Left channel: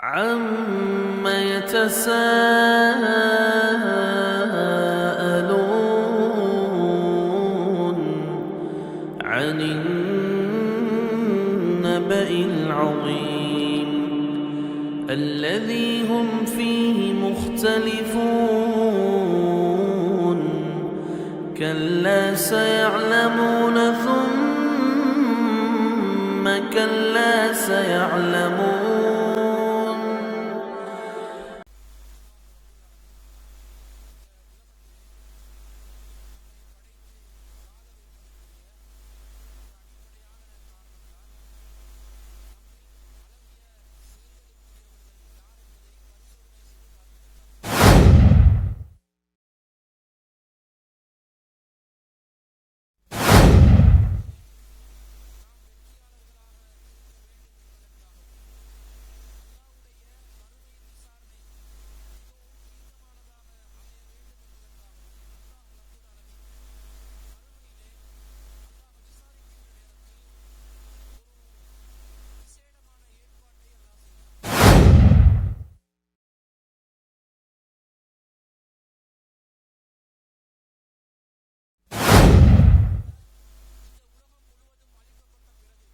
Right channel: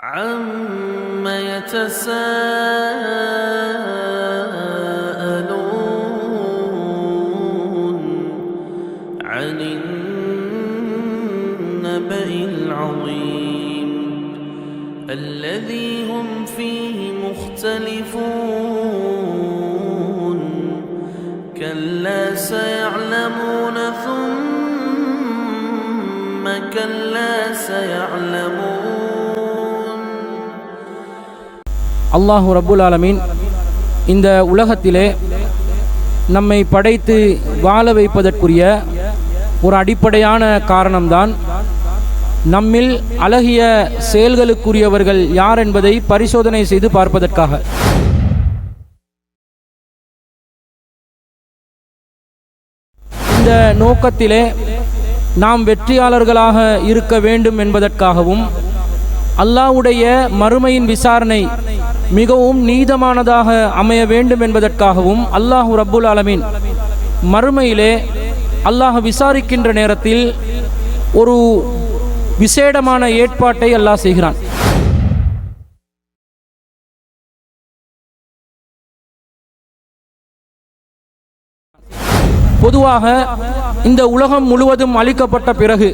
عَمَّ يَتَسَاءَلُونَ عَنِ النَّبَإِ الْعَظِيمِ الَّذِي هُمْ فِيهِ مُخْتَلِفُونَ كَلَّا سَيَعْلَمُونَ ثُمَّ كَلَّا سَيَعْلَمُونَ. அல்லாஹு ரப்புல் ஆலமீன் இந்த உலகத்திலே நம்மை படைத்து வாழ வைப்பதற்குரிய ஒரு அடிப்படையான காரணம்தான் நம்மில் அழகிய செயல்களுக்குரியவர்கள் யார் என்பதை பரிசோதனை செய்து பார்ப்பதற்காக. இந்த நோக்கத்திலே நாம் வெற்றியாளர்களாக இருக்க வேண்டும் என்பதற்காகவும் அல்லாஹ்வுடைய மறுமையின் விசாரணை மிகவும் நீதமானதாக அமைய வேண்டும் என்பதற்காகவும் அல்லாஹு ரப்புல் ஆலமீன் மறுமையிலே அல்லாஹ் விசாரிக்கின்ற நேரத்தில் ஒரு விசேடமான ஏற்பாட்டை அல்லாஹ் செய்கிறான். பொதுவாக இந்த உலகம் முழுவதும் அழிக்கப்பட்ட பிறகு,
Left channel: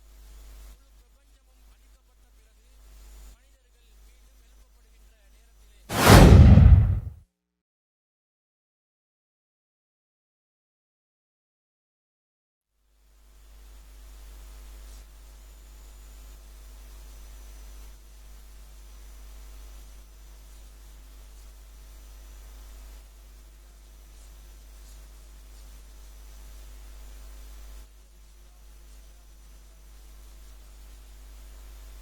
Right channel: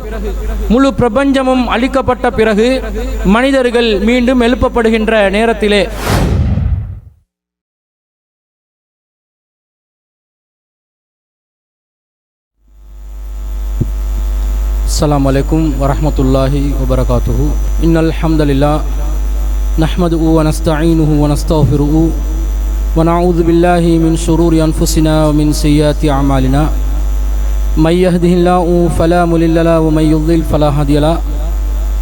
முழு பிரபஞ்சமும் அழிக்கப்பட்ட பிறகு மனிதர்கள் மீண்டும் எழுப்பப்படுகின்ற நேரத்திலே அஸ்ஸலாமு அலைக்கும் வரஹ்மத்துல்லாஹி வபரகாத்துஹு. இன்னல் ஹம்தலில்லாஹ் நஹ்மதுஹு வ நஸ்தஈனுஹு வ நஸ்தக்ஃபிருஹு வ நஊது பில்லாஹி மின் ஷுரூரி அன்ஃபுஸினா வ மின் ஸய்யிஆத்தி அமாலினா மை யஹ்திஹில்லாஹு ஃபலா முலில்ல லஹு வ மை யுضلل ஃபலா ஹாதிய லஹு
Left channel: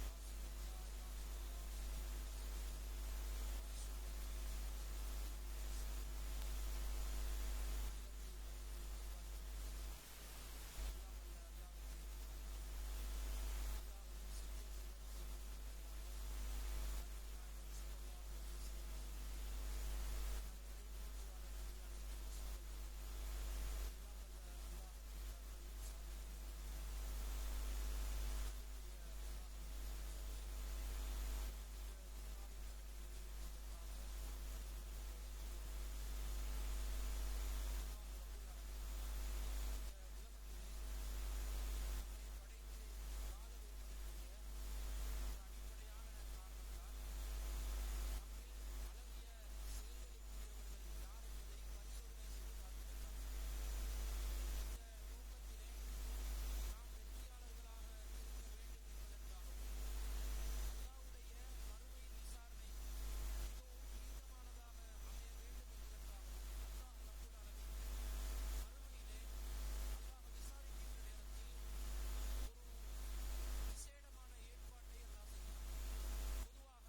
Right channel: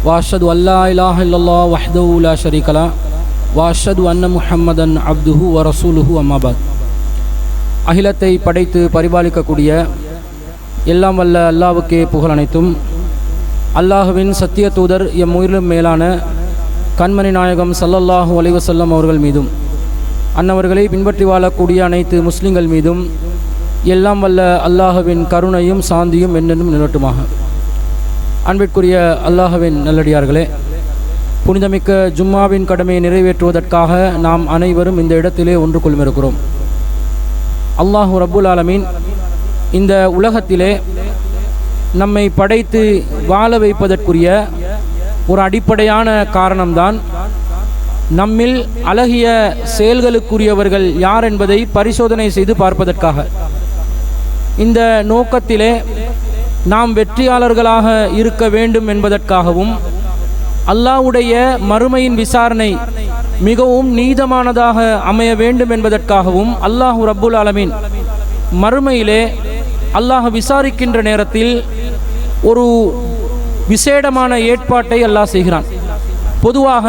வ அஷ்ஹது அல்லா இலாஹா இல்லல்லாஹ் வஹ்தஹு லா ஷரீக லஹு வ அஷ்ஹது அன்ன முஹம்மதன் அப்துஹு வ ரசூலுஹு அம்மா பஅத். அகிலத்தை படைத்து பரிபாலிக்கக்கூடிய எல்லாம் வல்ல அல்லாஹ்வுக்கே புகழ் அனைத்தும். அல்லாஹ்வின் சத்திய தூதர் எம் உயிரிலும் மேலான கண்மணி நாயகம் ஸல்லல்லாஹு அலைஹி வஸல்லம் அவர்கள் மீதும் அன்னவர்களை பின்பற்றி வாழக்கூடிய அனைத்து முஸ்லிம்கள் மீதும் எல்லாம் வல்ல அல்லாஹ்வின் கருணையும் சாந்தியும் என்றென்றும் நிலவட்டுமாக. அன்பிற்குரிய அல்லாஹ்வின் நல்லடியார்களே, புனிதமிக்க ஜும்மாவின் கடமையை நிறைவேற்றுவதற்காக நாம் அனைவரும் இந்த இடத்திலே ஒன்று கொள்ளிருக்கிறோம். அல்லாஹு ரப்புல் ஆலமீன் இந்த உலகத்திலே நம்மை படைத்து வாழ வைப்பதற்குரிய ஒரு அடிப்படையான காரணம்தான் நம்மில் அழகிய செயல்களுக்குரியவர்கள் யார் என்பதை பரிசோதனை செய்து பார்ப்பதற்காக. இந்த நோக்கத்திலே நாம் வெற்றியாளர்களாக இருக்க வேண்டும் என்பதற்காகவும் அல்லாஹ்வுடைய மறுமையின் விசாரணை மிகவும் நீதமானதாக அமைய வேண்டும் என்பதற்காகவும் அல்லாஹு ரப்புல் ஆலமீன் மறுமையிலே அல்லாஹ் விசாரிக்கின்ற நேரத்தில் ஒரு விசேடமான ஏற்பாட்டை அல்லாஹ் செய்கிறான். பொதுவாக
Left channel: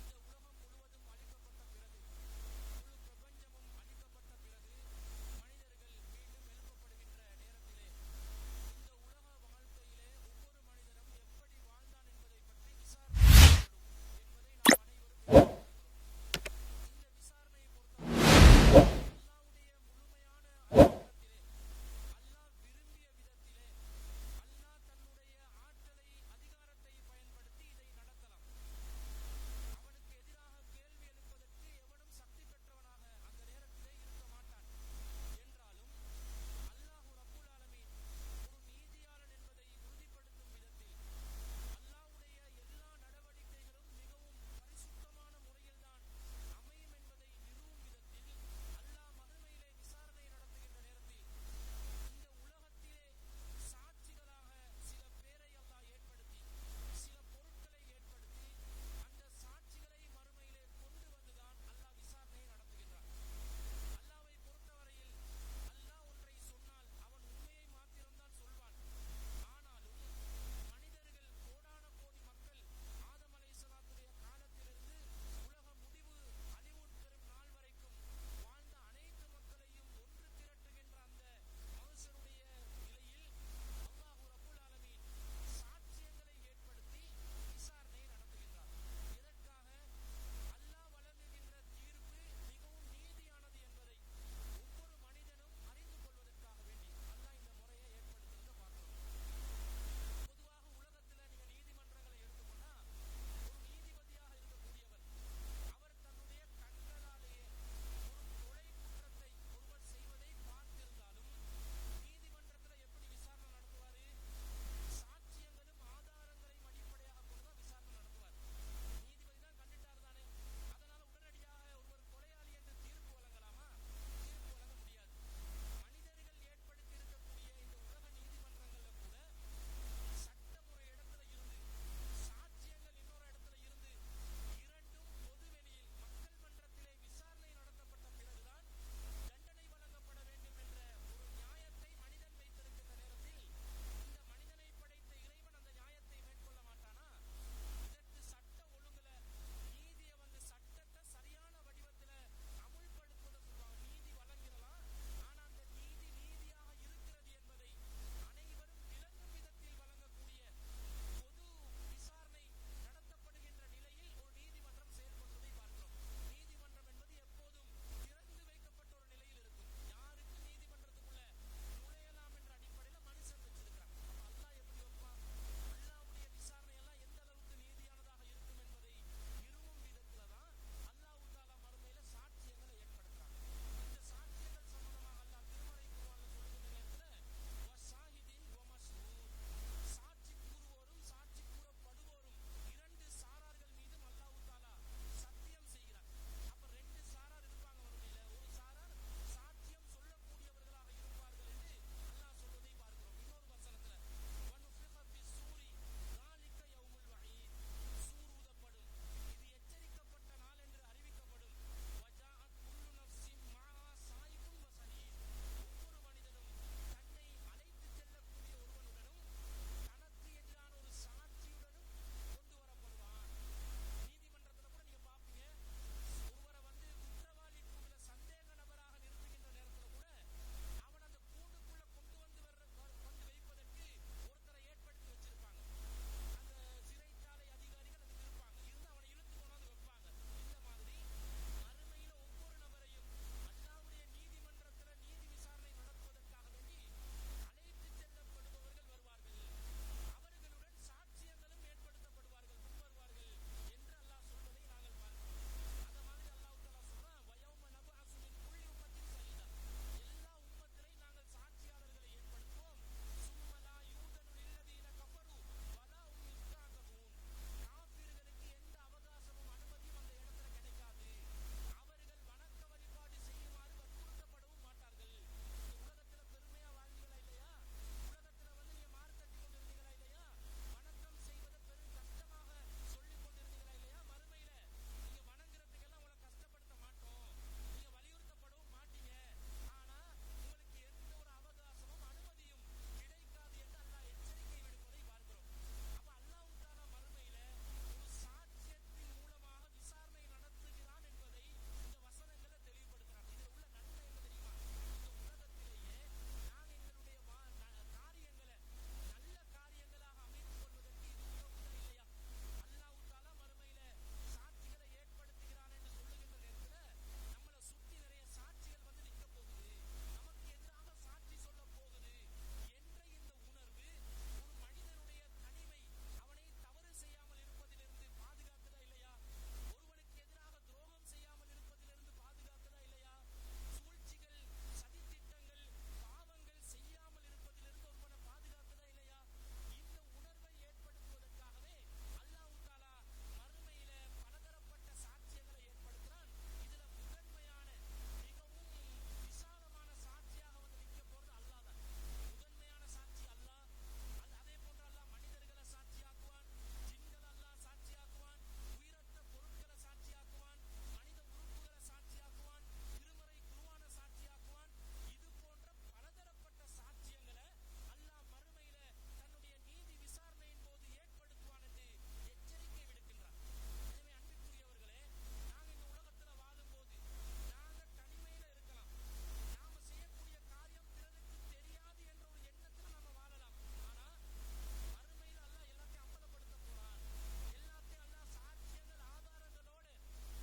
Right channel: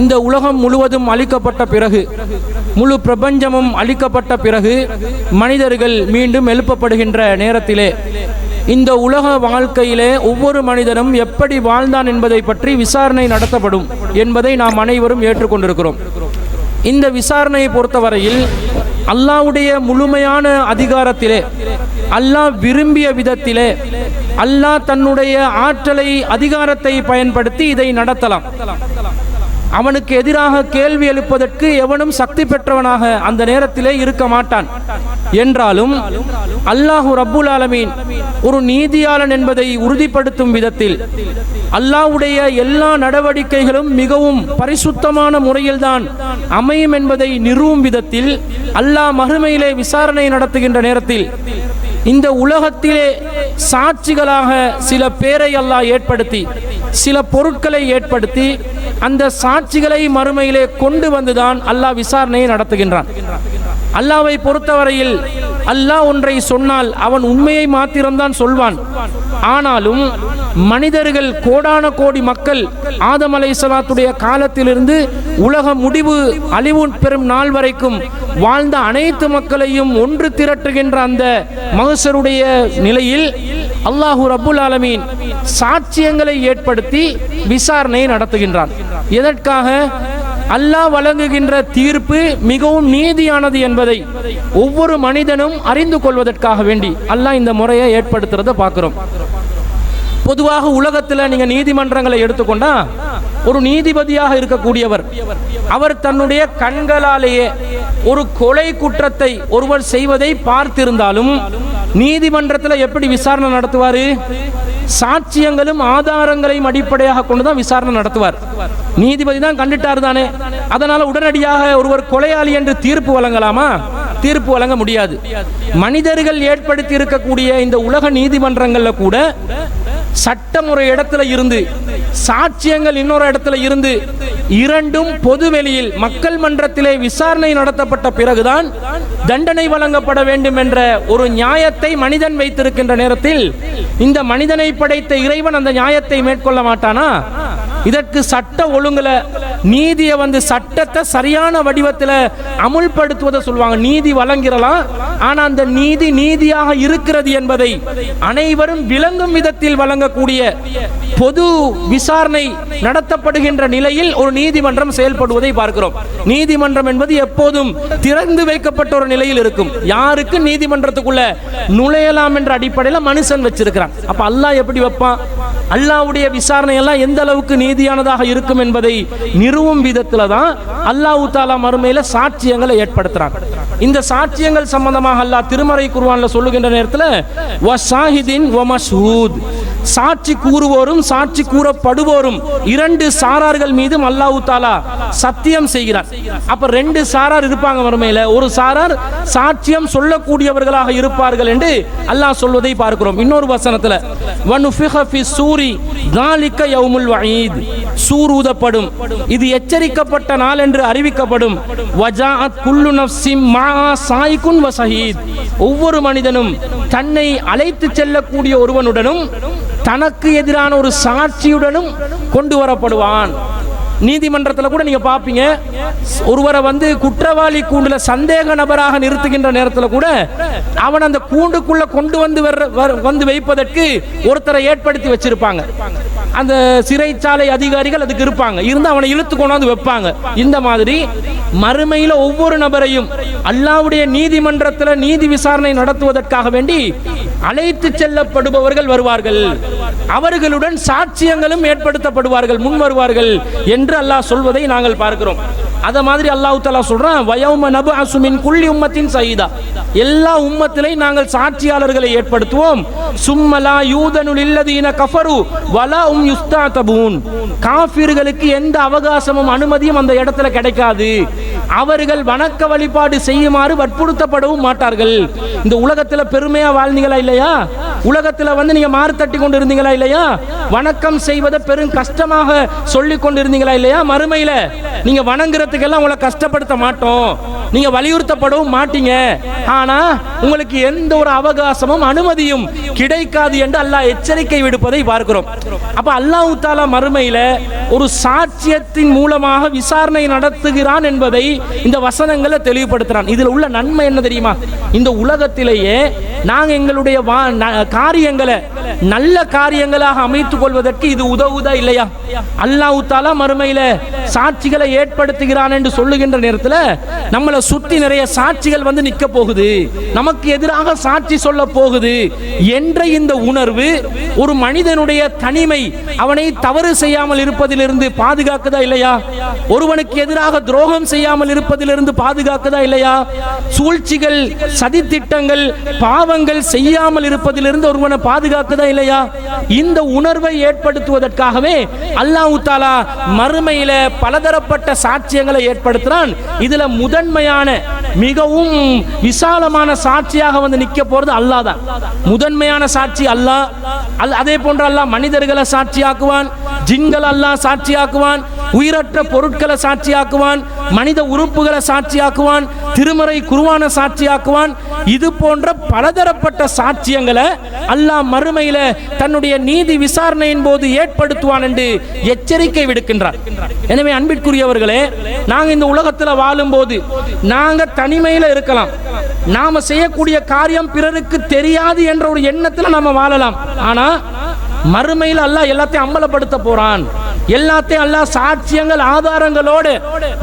இந்த உலகம் முழுவதும் அழிக்கப்பட்ட பிறகு, முழு பிரபஞ்சமும் அழிக்கப்பட்ட பிறகு மனிதர்கள் மீண்டும் எழுப்பப்படுகின்ற நேரத்திலே இந்த உலக வாழ்க்கையிலே ஒவ்வொரு மனிதனும் எப்படி வாழ்ந்தான் என்பதை பற்றி விசாரணை நடத்தப்படும் என்பதை நாம் அனைவரும் ஏற்றுக்கொண்டிருக்கிறோம். இந்த விசாரணையை பொறுத்தவரையில் அல்லாஹ்வுடைய முழுமையான அதிகாரத்திலே, அல்லாஹ் விரும்பிய விதத்திலே, அல்லாஹ் தன்னுடைய ஆற்றலை அதிகாரத்தை பயன்படுத்தி இதை நடத்தலாம். அவனுக்கு எதிராக கேள்வி எழுப்பதற்கு எவனும் சக்தி பெற்றவனாக அந்த நேரத்திலே இருக்க மாட்டான். என்றாலும் அல்லாஹு ரப்புல் ஆலமீன் ஒரு நீதியாளன் என்பதை உறுதிப்படுத்தும் விதத்தில் அல்லாஹ்வுடைய எல்லா நடவடிக்கைகளும் மிகவும் பரிசுத்தமான முறையில்தான் அமையும் என்பதை நிறுவும் விதத்தில் அல்லாஹ் மறுமையிலே விசாரணை நடத்துகின்ற நேரத்தில் இந்த உலகத்திலே சாட்சிகளாக சில பேரை அல்லாஹ் ஏற்படுத்தி, சில பொருட்களை ஏற்படுத்தி அந்த சாட்சிகளை மறுமையிலே கொண்டு வந்துதான் அல்லாஹ் விசாரணையை நடத்துகின்றான். அல்லாஹ்வை பொறுத்தவரையில் அல்லாஹ் ஒன்றை சொன்னால் அவன் உண்மையை மாத்திரம்தான் சொல்வான். ஆனாலும் மனிதர்கள் கோடான கோடி மக்கள் ஆதம் அலைஹிஸ்ஸலாத்துடைய காலத்திலிருந்து உலக முடிவு அழிவு பெறும் நாள் வரைக்கும் வாழ்ந்த அனைத்து மக்களையும் ஒன்று திரட்டுகின்ற அந்த மஹ்ஷருடைய நிலையில் அல்லாஹு ரப்புல் ஆலமீன் சாட்சியங்களை ஏற்படுத்தி விசாரணையை நடத்துகின்றான். எதற்காக? அல்லாஹ் வழங்குகின்ற தீர்ப்பு மிகவும் நீதியானது என்பதை ஒவ்வொரு மனிதனும் அறிந்து கொள்வதற்காக வேண்டி அல்லாஹ் இந்த முறையை ஏற்படுத்துறதை பார்க்கிறோம். பொதுவாக உலகத்தில் நீங்க நீதிமன்றங்களை எடுத்துக்கொண்டா ஒரு நீதிபதியாக இருக்கக்கூடியவர், அவர் தன்னுடைய கண்களாலேயே ஒரு கொலை குற்றத்தை ஒருவர் செய்வதை பார்த்திருந்தாலும் நீதிமன்றத்தில் எப்படி விசாரணை நடத்துவார்? சாட்சியங்களும் ஆதாரங்களையும் அடிப்படையாக கொண்டுதான் விசாரணை நடத்துவார். நீதிபதி தான் கண்டுட்டார் தானே, அதனால உடனடியாக ஒருவர் கொலையாளி என்று தீர்ப்பு வழங்கலாமா? தீர்ப்பு வழங்க முடியாது. மனிதர்கள் ஏற்படுத்தி இருக்கக்கூடிய இந்த உலக நீதிமன்றங்கள்ல கூட சட்டம் ஒரு இடத்துல இருந்து சாட்சியங்கள் இன்னொரு இடத்துல இருந்து இரண்டும் பொது வெளியில் மக்கள் மன்றத்திலே விசாரணை நடத்தப்பட்ட பிறகுதான் தண்டனை வழங்கப்பட வேண்டும் என்ற ஒரு நியாயத்தை மனிதன் வைத்திருக்கின்ற நேரத்தில் இந்த மனிதனை படைத்த இறைவன் அந்த நியாயத்தை மேற்கொள்ள மாட்டானா? இதற்கு சட்ட ஒழுங்குல நீதியை சட்டத்தை சரியான வடிவத்தில் அமுல்படுத்துவதை சொல்லுவாங்க. நீதி வழங்கிறலாம், ஆனா அந்த நீதி நீதியாக இருக்கிறது என்பதை அனைவரும் விளங்கும் விதத்தில் வழங்கக்கூடிய பொது விசாரணை நடத்தப்படுகின்ற நிலையில் ஒரு நீதிமன்றம் செயல்படுவதை பார்க்கிறோம். நீதிமன்றம் என்பது எப்போதும் திறந்து வைக்கப்பட்ட ஒரு நிலையில் இருக்கும். யாருக்கு நீதிமன்றத்துக்குள்ள நுழையலாம் என்ற அடிப்படையில் மனுஷன் வச்சிருக்கிறான். அப்ப அல்லாஹ் எப்படி வைப்பான்? அல்லாஹ்வுடைய விசாரணை எல்லாம் எந்த அளவுக்கு நீதியானதாக இருக்கும் என்பதை நிறுவும் விதத்தில் தான் அல்லாஹ் தஆலா மறுமையில சாட்சியங்களை ஏற்படுத்துறான். இந்த சாட்சியங்கள் சம்பந்தமாக அல்லாஹ் திருமறை குர்ஆன்ல சொல்லுகின்ற நேரத்தில் வஸாஹிதின் வமஷ்ஹூத், சாட்சி கூறுவோரும் சாட்சி கூறப்படுவோரும் இரண்டு சாரார்கள் மீதும் அல்லாஹ் தஆலா சத்தியம் செய்கிறார். அப்ப ரெண்டு சாரார் இருப்பாங்க மறுமையில. ஒரு சாரார் சாட்சியம் சொல்லக்கூடியவர்களாக இருப்பார்கள் என்று அல்லாஹ் சொல்வதை பார்க்கிறோம். இன்னொரு வசனத்தில் வனுஃபிக ஃபிஸ் சூரி ذلك யௌமுல் வஈத், சூர் ஊதப்படும், இது எச்சரிக்கப்பட்ட நாள் என்று அறிவிக்கப்படும். வஜாஅத் குல்லு நஃப்ஸின் மஆ சாயிகுன் வ ஷஹீத், ஒவ்வொரு மனிதனும் தன்னை அழைத்து செல்லக்கூடிய ஒருவனுடனும் தனக்கு எதிரான ஒரு சாட்சியுடனும் கொண்டு வரப்படுவான். நீதிமன்றத்தில் கூட நீங்க பாப்பீங்க, ஒருவரை குற்றவாளி கூண்டுல சந்தேக நபராக நிறுத்துகின்ற நேரத்தில் கூட அவன் அந்த கூண்டுக்குள்ள கொண்டு வந்து வைப்பதற்கு ஒருத்தரை ஏற்படுத்தி வச்சிருப்பாங்க. அந்த சிறைச்சாலை அதிகாரிகள் அதுக்கு இருப்பாங்க, இருந்து அவனை இழுத்து கொண்டாந்து வைப்பாங்க. இந்த மாதிரி மறுமையில ஒவ்வொரு நபரையும் அல்லாஹ்வுடைய நீதிமன்றத்தில் நீதி விசாரணை நடத்துவதற்காக வேண்டி அழைத்து செல்லப்படுபவர்கள் வருவார்கள். அவர்களுடன் சாட்சியங்களும் ஏற்படுத்தப்படுவார்கள், முன் வருவார்கள் என்று அல்லாஹ் சொல்வதை நாங்கள் பார்க்கிறோம். அத மாதிரி அல்லாஹ் தஆலா சொல்றான், வயௌம நபஅசு மின் குல்லி உம்மத்தின் ஸயீதா, எல்லா உம்மத்திலையும் நாங்கள் சாட்சியாளர்களை ஏற்படுத்துவோம். சும்ம லா யூதனு லில்லதீன கஃபரு வலா உம் யுஸ்தஅதபூன், காஃபிர்களுக்கு எந்த அவகாசமும் அனுமதியும் அந்த இடத்துல கிடைக்காது. அவர்கள் வணக்க வழிபாடு செய்யுமாறு வற்புறுத்தப்படவும் மாட்டார்கள். இந்த உலகத்துல பெருமையா வாழ்ந்தீங்களா இல்லையா? உலகத்துல நீங்க மாறு தட்டி கொண்டு இருந்தீங்களா இல்லையா? வணக்கம் செய்வதை பெரும் கஷ்டமாக சொல்லிக் கொண்டு இருந்தீங்களா இல்லையா? மறுமையில நீங்க வணங்குறதுக்கெல்லாம் உங்களை கஷ்டப்படுத்த மாட்டோம், நீங்க வலியுறுத்தப்படவும் மாட்டீங்க, ஆனா உங்களுக்கு எந்த ஒரு அவகாசமும் அனுமதியும் கிடைக்காது என்று அல்லாஹ் எச்சரிக்கை விடுப்பதை பார்க்கிறோம். அப்ப அல்லாஹ் தஆலா மறுமையில ஒரு சாட்சியத்தின் மூலமாக விசாரணை நடத்துகிறான் என்பதை இந்த வசனங்களை தெளிவுபடுத்துறான். இதுல உள்ள நன்மை என்ன தெரியுமா? இந்த உலகத்திலேயே நாங்க எங்களுடைய காரியங்களை நல்ல காரியங்களாக அமைத்துக் கொள்வதற்கு இது உதவுதா இல்லையா? அல்லாஹ் தஆலா மறுமையில சாட்சிகளை ஏற்படுத்துகிறான் என்று சொல்லுகின்ற நேரத்தில் நம்மளை சுற்றி நிறைய சாட்சிகள் நிற்க போகுது, நமக்கு எதிராக சாட்சி சொல்ல போகுது என்ற இந்த உணர்வு ஒரு மனிதனுடைய தனிமை அவனை தவறு செய்யாமல் இருப்பதிலிருந்து பாதுகாக்குதா இல்லையா? ஒருவனுக்கு எதிராக துரோகம் செய்யாமல் இருப்பதிலிருந்து பாதுகாக்குதா இல்லையா? சூழ்ச்சிகள், சதித்திட்டங்கள், பாவங்கள் செய்யாமல் இருப்பதிலிருந்து ஒருவனை பாதுகாக்குதா இல்லையா? இந்த உணர்வை ஏற்படுத்துவதற்காகவே அல்லாஹ் தஆலா மறுமையில பலதரப்பட்ட சாட்சியங்களை ஏற்படுத்துறான். இதுல முதன்மையான மிகவும் விசாலமான சாட்சியாக நிக்க போறது அல்லாஹ் தான். முதன்மையான சாட்சி அல்லாஹ். அதே போன்று அல்லாஹ் மனிதர்களை சாட்சியாக்குவான், ஜின்கள் அல்லாஹ் சாட்சியாக்குவான், உயிரற்ற பொருட்களை சாட்சியாக்குவான், மனித உறுப்புகளை சாட்சியாக்குவான், திருமறை குர்ஆன சாட்சியாக்குவான். இது போன்ற பலதரப்பட்ட சாட்சியங்களை அல்லாஹ் மறுமையில தன்னுடைய நீதி விசாரணையின் போது ஏற்படுத்துவான் என்று எச்சரிக்கை விடுக்கின்றார். எனவே அன்பிற்குரியவர்களே, நாங்க இந்த உலகத்தில் வாழும் போது நாங்க தனிமையில இருக்கலாம், நாம செய்யக்கூடிய காரியம் பிறருக்கு தெரியாது என்ற ஒரு எண்ணத்தில் நாம வாழலாம். ஆனா மறுமையில் அல்லாஹ் எல்லாத்தையும் அம்பலப்படுத்த போறான். எல்லாத்தையும் அல்லாஹ் சாட்சியங்கள் ஆதாரங்களோடு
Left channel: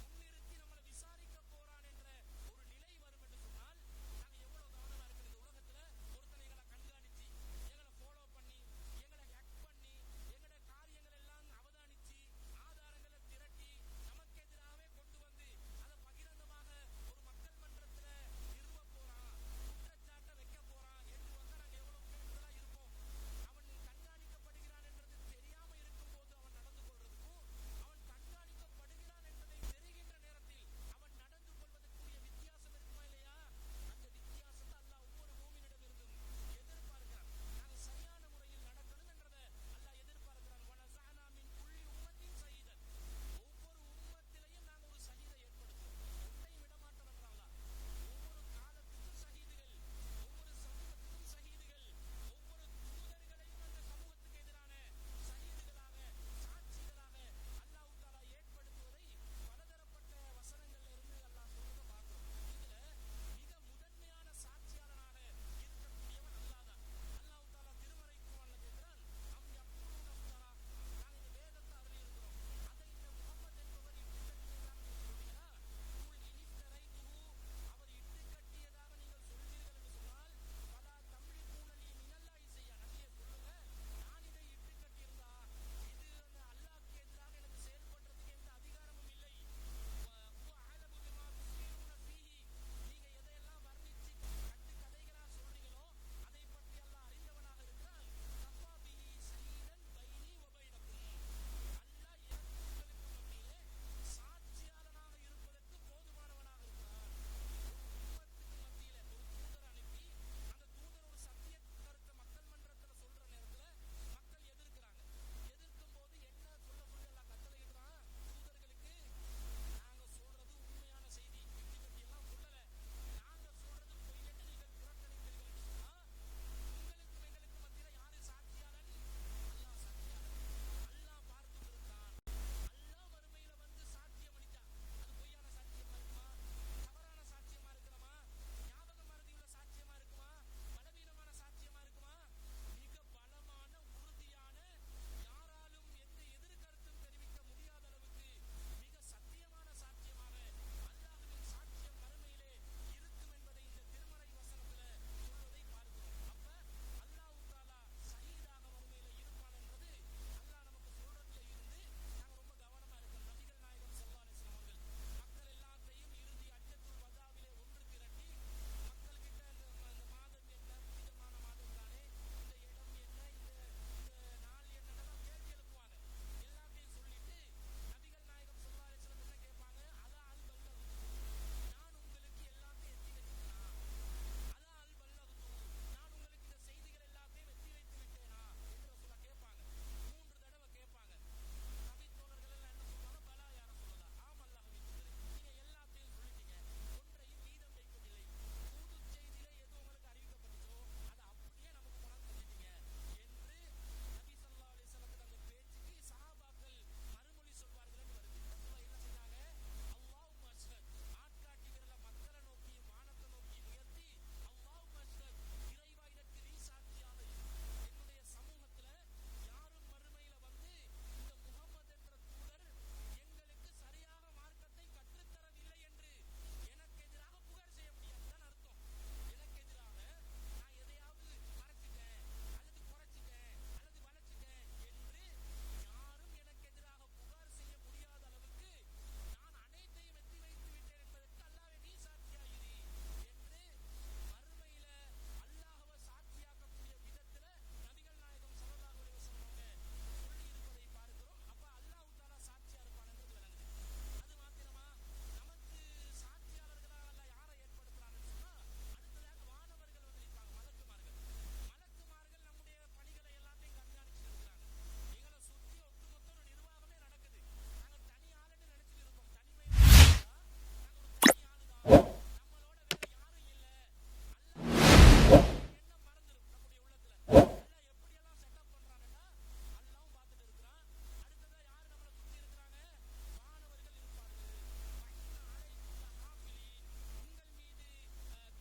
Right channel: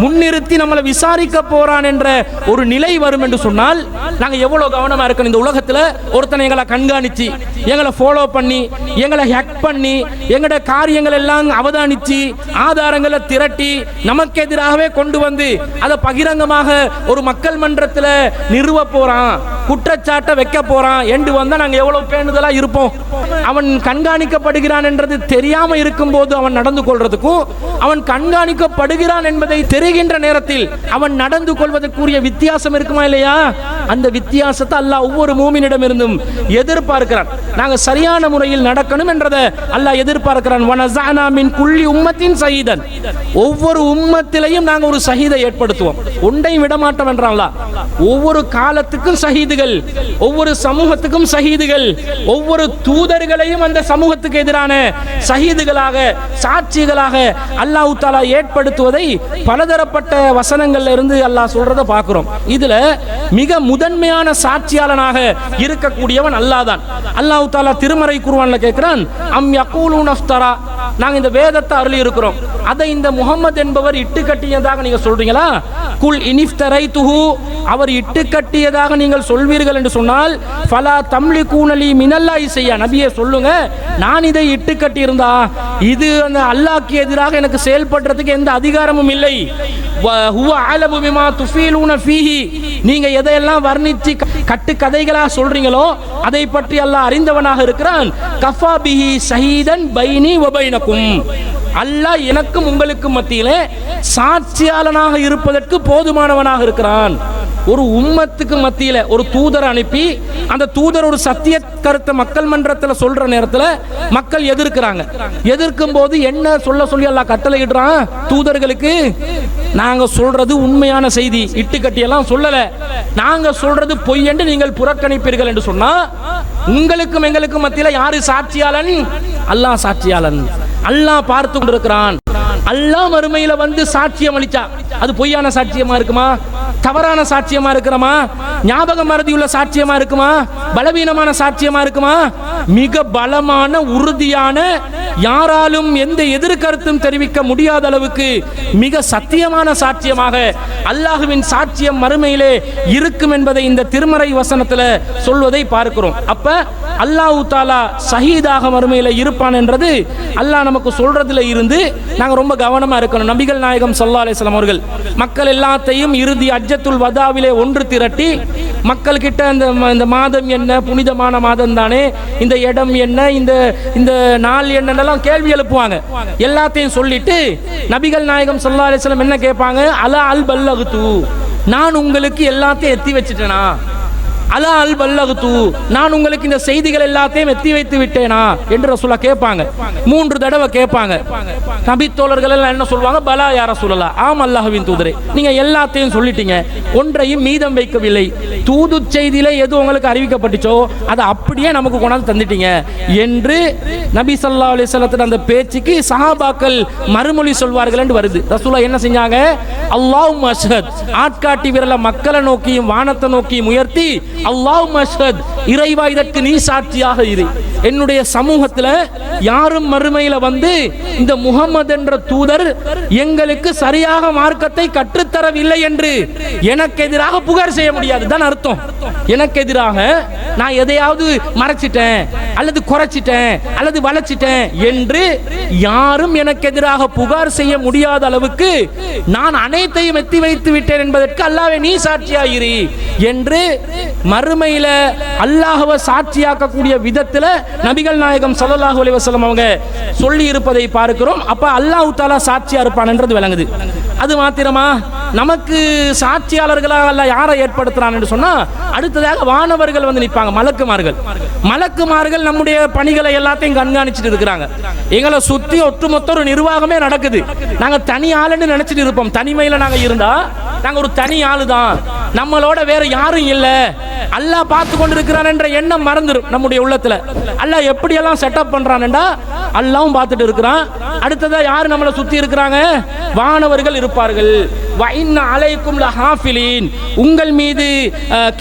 முன்னிறுத்தி நம்மளை விசாரிக்க போறான் என்ற ஒரு நிலை வரும் என்று சொன்னால் நாங்க எவ்வளவு கவனமா இருக்கணும். இந்த உலகத்துல ஒருத்தனை எங்களை கண்காணிச்சு, எங்களை ஃபாலோ பண்ணி, எங்களை ஹேக் பண்ணி, எங்களோட காரியங்கள் எல்லாம் அவதானிச்சு ஆதாரங்களை திரட்டி நமக்கு எதிராகவே கொண்டு வந்து அதை பகிரங்கமாக ஒரு மக்கள் மன்றத்தில் நிறுவ போறான், குற்றச்சாட்டை வைக்க போறான் என்று வந்தா நாங்க எவ்வளவு பேணுதலா இருப்போம். அவன் கண்காணிக்கப்படுகிறான் என்றது தெரியாம இருக்கும் போது அவன் நடந்து கொள்றதுக்கும், அவன் கண்காணிக்கப்படுகிறான் என்பதை தெரிகின்ற நேரத்தில் அவன் நடந்து கொள்வதற்குரிய வித்தியாசம் இருக்குமா இல்லையா? அந்த வித்தியாசத்தை அல்லாஹ் ஒவ்வொரு மூமினிடம் இருந்தும் எதிர்பார்க்கிறான். நாங்க சரியான முறையில் நடக்கணும் என்றதை அல்லாஹ் எதிர்பார்க்கிறான். வனஸஅனா மின் குல்லி உம்மத்தின் ஷஹீதன், ஒவ்வொரு உம்மத்திலையும் நாங்க ஒரு ஷஹீதை ஏற்படுத்துவோம், ஒன்றையும் விடமாட்டோம் என்றான் அல்லாஹ். ஒவ்வொரு காலத்துக்கும் ஷஹீதுகள், ஒவ்வொரு சமூகத்துக்கும் ஷஹீதுகள், ஒவ்வொரு தூதர்களையும் அந்த சமூகத்துக்கு எதிரான ஷஹீதுகளாக, சாட்சிகளாக அல்லாஹ் தஆலா ஏற்படுத்துவதை பலதரப்பட்ட வசனங்கள்ல இருந்து அல்லாஹ் சொல்றதை பார்க்கிறோம். இதுல மிக முதன்மையான சாட்சியாளனாக இருக்கக்கூடியவன் அல்லாஹ் தான். அல்லாஹ் தஆலா திருமறை குர்ஆன்ல கேட்கிறான், அம் யகூலூன இஃப்தரா, நாங்க இந்த வேதத்தை அருளி இருக்கிறோம், அதை இந்த முஹம்மது என்பவர் இட்டு கட்டியதாக நீங்க சொல்றீங்களா? குல் இனிஃப்தரைதுஹு, அவர் இட்டு கட்டியதாக நீங்கள் சொல்வீர்கள் என்று சொன்னால் ஃபலா தம்லிகூன லீ மினல்லாஹி ஷையா, நபியே சொல்லுங்க, நான் இதை இட்டு கட்டி இருந்தா இது அந்த அல்லாஹ்க்கு எதிராக எனக்கு செயல்படுறதுக்கு எந்த அதிகாரமும் இல்லை. ஹுவ அலமு பிமா துஃபீலூன ஃபீஹி, நீங்க எதையெல்லாம் வர்ணிச்சு கட்டு கதைகளா சொல்றீங்களோ அதை பற்றி அல்லாஹ் அறிந்தவனாக இருக்கிறான். கஃபா பிஹி ஷஹீதன் பைனி வ பைனக்கும், அல்லாஹ் எனக்கும் உங்களுக்கும் மத்தியிலே சாட்சியாளனாக இருப்பதற்கு போதுமானவனாக இருக்கிறான். ஒரு உம்மத்துக்கு மத்தியில ஒரு தூதரை அனுப்பி அந்த தூதர் ஒரு சத்திய கருத்தை மக்கள் மன்றத்தில் சொல்ற நேரத்தில் மக்கள் எதிர்க்கிறாங்க. எதிர்க்கும் போது என்ன சொல்ல சொல்லி அல்லாஹ் கட்டளையிடுறான் தூதர்களுக்கு? நாங்க சொல்றது உண்மையான செய்தி, இட்டுக்கட்டியெல்லாம் சொல்லல, நாங்க சொல்றது பொய் என்று நீங்கள் புறக்கணிப்பீர்கள் என்று சொன்னா உங்களுக்கும் எங்களுக்கும் மத்தியில யாரு சாட்சியாளன்? அல்லாஹ் சாட்சியாளன். அல்லாஹ் பார்த்து கொண்டிருக்கிறான். அல்லாஹ் மறுமையில வந்து சாட்சியம் அளிச்சா அது பொய்யான சாட்சியமா இருக்குமா? தவறான சாட்சியமா இருக்கிறமா? ஞாபக மறதியுள்ள சாட்சியமா இருக்குமா? பலவீனமான சாட்சியமா இருக்குமா? மிக பலமான, உறுதியான, யாராலும் எந்த எதிர்கருத்தும் தெரிவிக்க முடியாத அளவுக்கு மிக சத்தியமான சாட்சியமாக அல்லாஹுவின் சாட்சியம் மறுமையிலே இருக்கும் என்பதை இந்த திருமறை வசனத்தில் சொல்வதை பார்க்கிறோம். அப்ப அல்லாஹ் தஆலா ஷஹீதாக மறுமையில இருப்பான் என்றது அல்லாஹ் நமக்கு சொல்றதுல இருந்து நாங்க ரொம்ப கவனமா இருக்கணும். நபிகள் நாயகம் ஸல்லல்லாஹு அலைஹி வஸல்லம் அவர்கள் மக்கள் எல்லாத்தையும் இறுதி ஹஜ்ஜத்துல் வதாவிலே ஒன்று திரட்டி மக்கள் கிட்ட இந்த மாதம் என்ன, புனிதமான மாதம் தானே, இந்த இடம் என்ன, இந்த நாள் என்னென்னலாம் கேள்வி எழுப்புவாங்க. எல்லாத்தையும் சொல்லிட்டு நபிகள் நாயகம் ஸல்லல்லாஹு அலைஹி வஸல்லம் என்ன கேட்பாங்க? அலா அல் பல்லகுது, நான் உங்களுக்கு எல்லாத்தையும் எத்தி வச்சிட்டேனா? அலா அல் பல்லகுது, நான் உங்களுக்கு இந்த செய்திகள் எல்லாத்தையும் எத்தி வைத்து விட்டேனா என்று ரசூலா கேட்பாங்க. 3 தடவை கேட்பாங்க. நபி தோழர்கள் எல்லாம் என்ன சொல்வாங்க? பலா யா ரசூலல்லாஹ், ஆம் அல்லாஹ்வின் தூதரே, நீங்க எல்லாத்தையும் சொல்லிட்டீங்க, ஒன்றையும் மீதம் வைக்கவில்லை, தூது செய்தியில எது உங்களுக்கு அறிவிக்கப்பட்டுச்சோ அதை அப்படியே நமக்கு கொண்டாந்து தந்துட்டீங்க என்று நபி ஸல்லல்லாஹு அலைஹி வஸல்லம் அந்த பேச்சுக்கு சஹாபாக்கள் மறுமொழி சொல்வார்கள் என்று வருது. ரசூலா என்ன செஞ்சாங்க? அல்லாஹும்ம அஷ்ஹத், ஆட்காட்டி விரல மக்களை நோக்கியும் வானத்தை நோக்கியும் உயர்த்தி, அல்லாஹும்ம அஷ்ஹத், இறைவா இதற்கு நீ சாட்சியாக இரு, என்னுடைய சமூகத்தில் யாரும் மறுமையில வந்து இந்த முஹம்மது என்ற தூதர் எங்களுக்கு சரியாக மார்க்கத்தை கற்றுத்தரவில்லை என்று எனக்கு எதிராக புகார் செய்ய முடியாது தான் அர்த்தம். எனக்கு எதிராக நான் எதையாவது மறைச்சிட்டேன் அல்லது குறைச்சிட்டேன் அல்லது வளைச்சிட்டேன் என்று யாரும் எனக்கு எதிராக புகார் செய்ய முடியாத அளவுக்கு நான் அனைத்தையும் எத்தி வைத்து விட்டேன் என்பதற்கு அல்லாஹ்வே நீ சாட்சியாயிரு என்று மறுமையில அல்லாஹ்வை சாட்சியாக்கக்கூடிய விதத்தில் நபிகள் நாயகம் ஸல்லல்லாஹு அலைஹி வஸல்லம் அவங்க சொல்லி இருப்பதை பார்க்கிறோம். அப்ப அல்லாஹ் தஆலா சாட்சியா இருப்பான் என்றது விளங்குது. அது மாத்திரமா? நமக்கு சாட்சியாளர்களாக அல்லாஹ் யாரை ஏற்படுத்துறான் என்று சொன்னா அடுத்ததாக வானவர்கள் வந்து நிற்பாங்க, மலக்குமார்கள். மலக்குமார்கள் நம்முடைய பணிகளை எல்லாத்தையும் கண்காணிச்சுட்டு இருக்கிறாங்க. எங்களை சுத்தி ஒட்டுமொத்த ஒரு நிர்வாகமே நடக்குது. நாங்க தனி ஆளுன்னு நினைச்சிட்டு இருப்போம். தனிமையில நாங்க இருந்தா நாங்க ஒரு தனி ஆளு தான், நம்மளோட வேற யாரும் இல்ல, அல்லாஹ் பார்த்து கொண்டிருக்கிறான் என்ற எண்ணம் மறந்துடும் நம்முடைய உள்ளத்துல. அல்லாஹ் எப்படி எல்லாம் செட்டப் பண்றான்டா அல்லாஹ்வும் பார்த்துட்டு இருக்கிறான். அடுத்ததா யாரு நம்மளை சுத்தி இருக்கிறாங்க? வானவர்கள் இருப்பார்கள். வ இன்ன அலைக்கும் லஹாஃபிலீன், உங்கள் மீது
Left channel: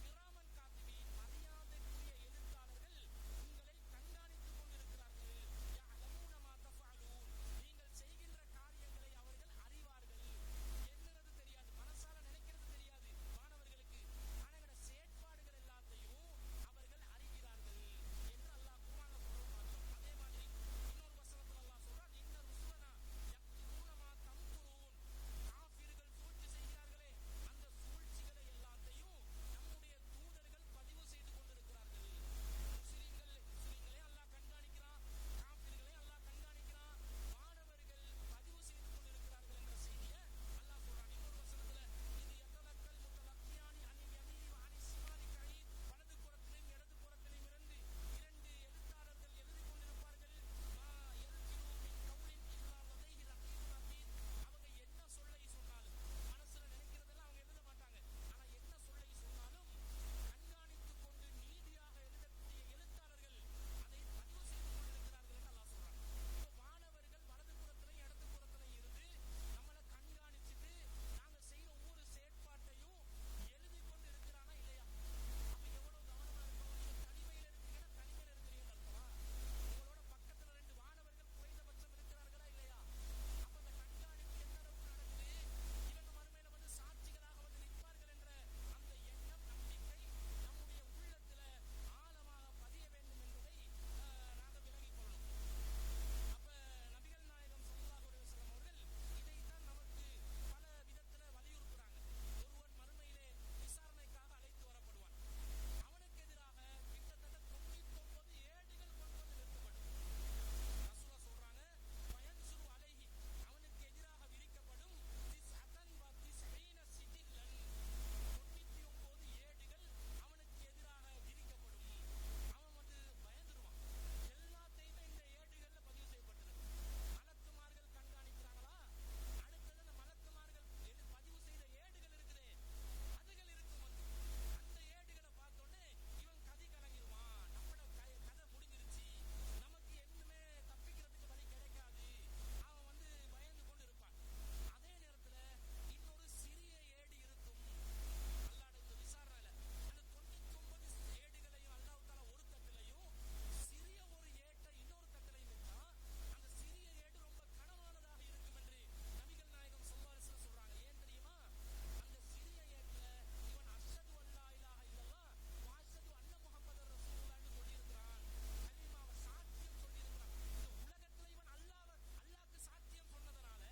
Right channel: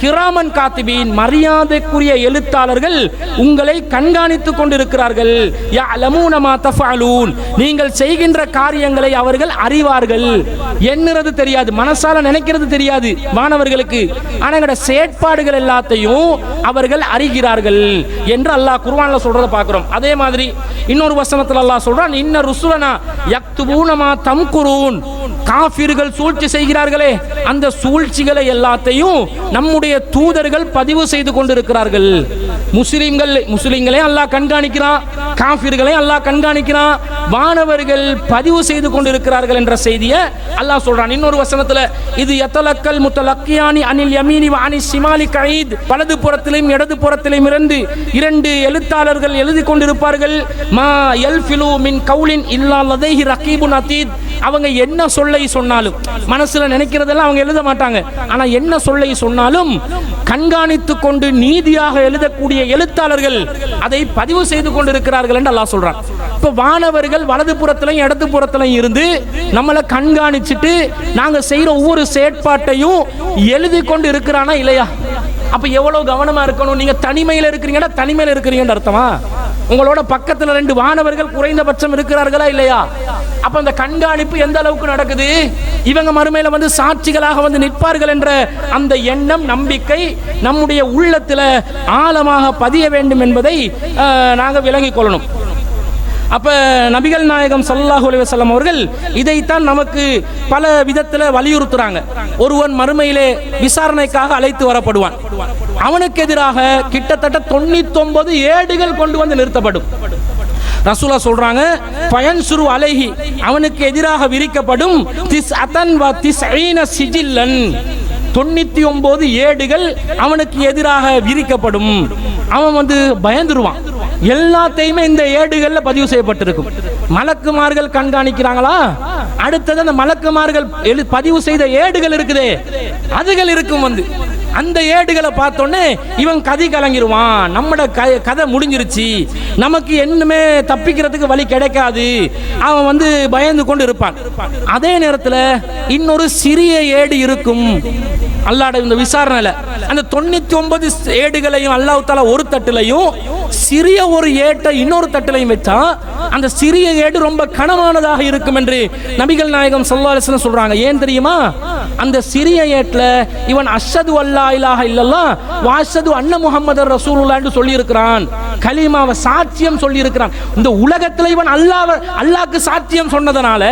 கிராமன் காத்திபீன், மரியாதைக்குரிய எழுத்தாளர்கள் உங்களை கண்காணித்துக் கொண்டிருக்கிறார்கள். யஅலமூன மா தஃஅலூன், நீங்கள் செய்கின்ற காரியங்களை அவர்கள் அறிவார்கள். என்னறது தெரியாது, மனசால நினைக்கிறது தெரியாது மாணவர்களுக்கு, ஆனா செயற்பாடுகள் எல்லாத்தையும் அவர்கள் அறிகிறார்கள் என்று அல்லாஹ் குர்ஆன்ல சொல்றத பார்க்கிறோம். அதே மாதிரி இன்னொரு வசனத்தில் அல்லாஹ் சொல்றான், இன்ன ருசுலனா யக்துபூன மா தம்குரூன், காஃபிர்கள் சூழ்ச்சி செய்கிறார்களே அந்த சூழ்ச்சிகளை எல்லாத்தையும் நம்முடைய தூதர்கள் பதிவு செய்து கொண்டிருக்கிறார்கள். முஸ்லிம்களை அல்லாஹ் கண்காணிக்கிறான், காஃபிர்களை அல்லாஹ் கண்காணிக்கிறான், வானவர்கள் பதிவு செய்து கொண்டிருக்கிறார்கள் என்ற செய்தியை அல்லாஹ் சொல்றான். இன்னொரு வசனத்துல, இது யத்தலக்கல் முத்தலக்கியானி அனில் யமீனி வ அனிஸ் ஷிமாலி கயீத், வலது புறத்திலும் இடது புறத்திலும் இரண்டு எழுத்தாளர்கள் எழுதி கொண்டிருப்பார்கள். மா யல்ஃபிலு மின் கௌலின் இல்லா லதைஹி ரகீபுன் அதீத், அவங்க என்ன சொல்லை சொன்னாலும், மனசுல நினைக்கிறதெல்லாம் அவங்க எழுத மாட்டாங்க, ஆனா என்ன சொல்லை சொன்னாலும் கண்காணித்துக் கொண்டு நீதியாக எழுதக்கூடிய எழுத்தாளர்கள் அதை பதிவு செய்து கொண்டிருக்கிறார்கள் என்று அல்லாஹ் சொல்றான். இப்ப வானவர்கள் வலது புறத்திலையும் இடது புறத்திலையும் இருந்து நம்மளை கண்காணிச்சுட்டு நாங்க செய்யற ஒவ்வொரு செயற்பாட்டையும் எழுதி கொண்டு இருக்கிறானா இல்லையா? அப்ப எவ்வளவு கவனமா இருக்கணும். நீங்க தனிமையில இருக்கிறீங்கன்னு அர்த்தமா? உங்களோட பக்கத்துல 2 வானவர்கள் குறைந்தபட்சம் இருக்கிறார்களா இல்லையா? அப்ப அந்த கண்காணிப்பு எந்த அளவுக்கு நடக்குது? இவங்க மறுமையில வந்து சாட்சிகளாக வந்து நிற்பார்கள் என்ற அந்த எண்ணம், நம்பிக்கை நம்முடைய உள்ளத்துல ஆழமாக பதிய வேண்டும் என்பதை நாங்க விளங்கிக் கொள்ளணும். அப்ப நபிகள் நாயகம் ஸல்லல்லாஹு அலைஹி வஸல்லம் அவர்கள் இதைத்தான் நமக்கு பல விதத்துல வலியுறுத்துறாங்க. ஒருவன் மறுமையிலே விசாரணைக்காக அழைத்து வரப்படுவான். அவனுக்கு எதிராக கிட்டத்தட்ட 99 ஏடுகள் கொண்டு வந்து நிறுத்தப்படும். ரசூலா சொல்றாங்க, ஃபயன்சுரு அலைஹி, அவனுக்கு எதிராக விரிக்கப்படும் 99 சிஜில்லன், 99 ஏடுகள் அவனுக்கு எதிராக விரிக்கப்படும். அவன் வந்து பயந்துருவான். எல்லாத்தையுமே இந்த ஏடுகள்ல பதிவு செய்யப்பட்டிருக்கும். மலக்குமார்கள் கண்காணிக்கிறாங்களா? அடுத்தது அந்த மலக்குமார்கள் பதிவு செய்த ஏடுகள் இருக்குதே, அதுகள் இருக்கும். வந்து அந்த ஏடுகளை பார்த்தோன்னே இவன் கதி கலங்கிடுவான். நம்மட கதை முடிஞ்சிருச்சு, நமக்கு என்னமே தப்பிக்கிறதுக்கு வழி கிடைக்காது. அவன் வந்து பயந்து கொண்டு இருப்பான். அதே நேரத்தில் இன்னொரு சிறிய ஏடு இருக்கும். அல்லாஹ் இந்த விசாரணையில அந்த 99 ஏடுகளையும் அல்லாஹ் தஆலா ஒரு தட்டுலையும் சிறிய ஒரு ஏட்டை இன்னொரு தட்டுலையும் வச்சா அந்த சிறிய ஏடு ரொம்ப கனமானதாக இருக்கும் என்று நபிகள் நாயகம் ஸல்லல்லாஹு அலைஹி வஸல்லம் சொல்றாங்க. ஏன் தெரியுமா? அந்த சிறிய ஏட்ல இவன் அஷ்ஹது அல்லா இலாஹ இல்லல்லாஹ் வ அஷ்ஹது அன்ன முஹம்மதர் ரசூலுல்லாஹ் என்று சொல்லி இருக்கிறான். கலிமாவை சாட்சியம் சொல்லி இருக்கிறான். இந்த உலகத்துல இவன் அல்லாஹ்க்கு சாட்சியம் சொன்னதனால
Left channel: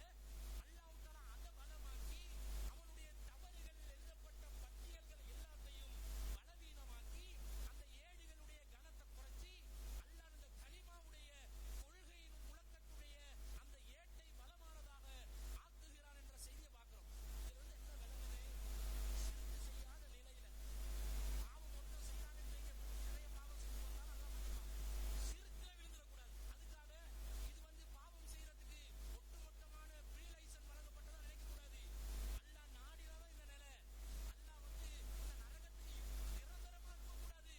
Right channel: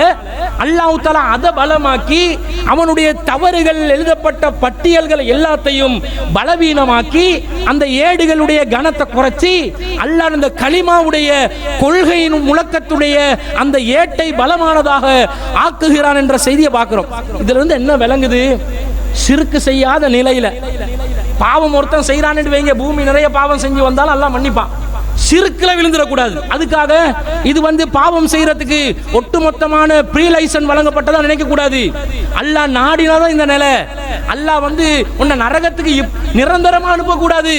அல்லாஹ் தஆலா அதை பலமாக்கி அவனுடைய தவறுகள் எழுதப்பட்ட பட்டியல்கள் எல்லாத்தையும் பலவீனமாக்கி அந்த ஏடுகளுடைய கனத்தை குறைச்சி அல்லாஹ் அந்த கலிமாவுடைய கொள்கையின் முழக்கத்துடைய அந்த ஏட்டை பலமானதாக ஆக்குகிறான் என்ற செய்தியை பார்க்கிறோம். இதுல இருந்து என்ன விளங்குது? ஷிர்க் செய்யாத நிலையில பாவம் ஒருத்தன் செய்யறான்னு வைங்க, பூமி நிறைய பாவம் செஞ்சு வந்தாலும் அல்லாஹ் மன்னிப்பான். ஷிர்க்ல விழுந்துடக்கூடாது. அதுக்காக இது வந்து பாவம் செய்யறதுக்கு ஒட்டுமொத்தமான ப்ரீ லைசன் வழங்கப்பட்டதா நினைக்க கூடாது. அல்லாஹ் நாடினாதான் இந்த நிலை. அல்லாஹ் வந்து உன்னை நரகத்துக்கு நிரந்தரமா அனுப்ப கூடாது.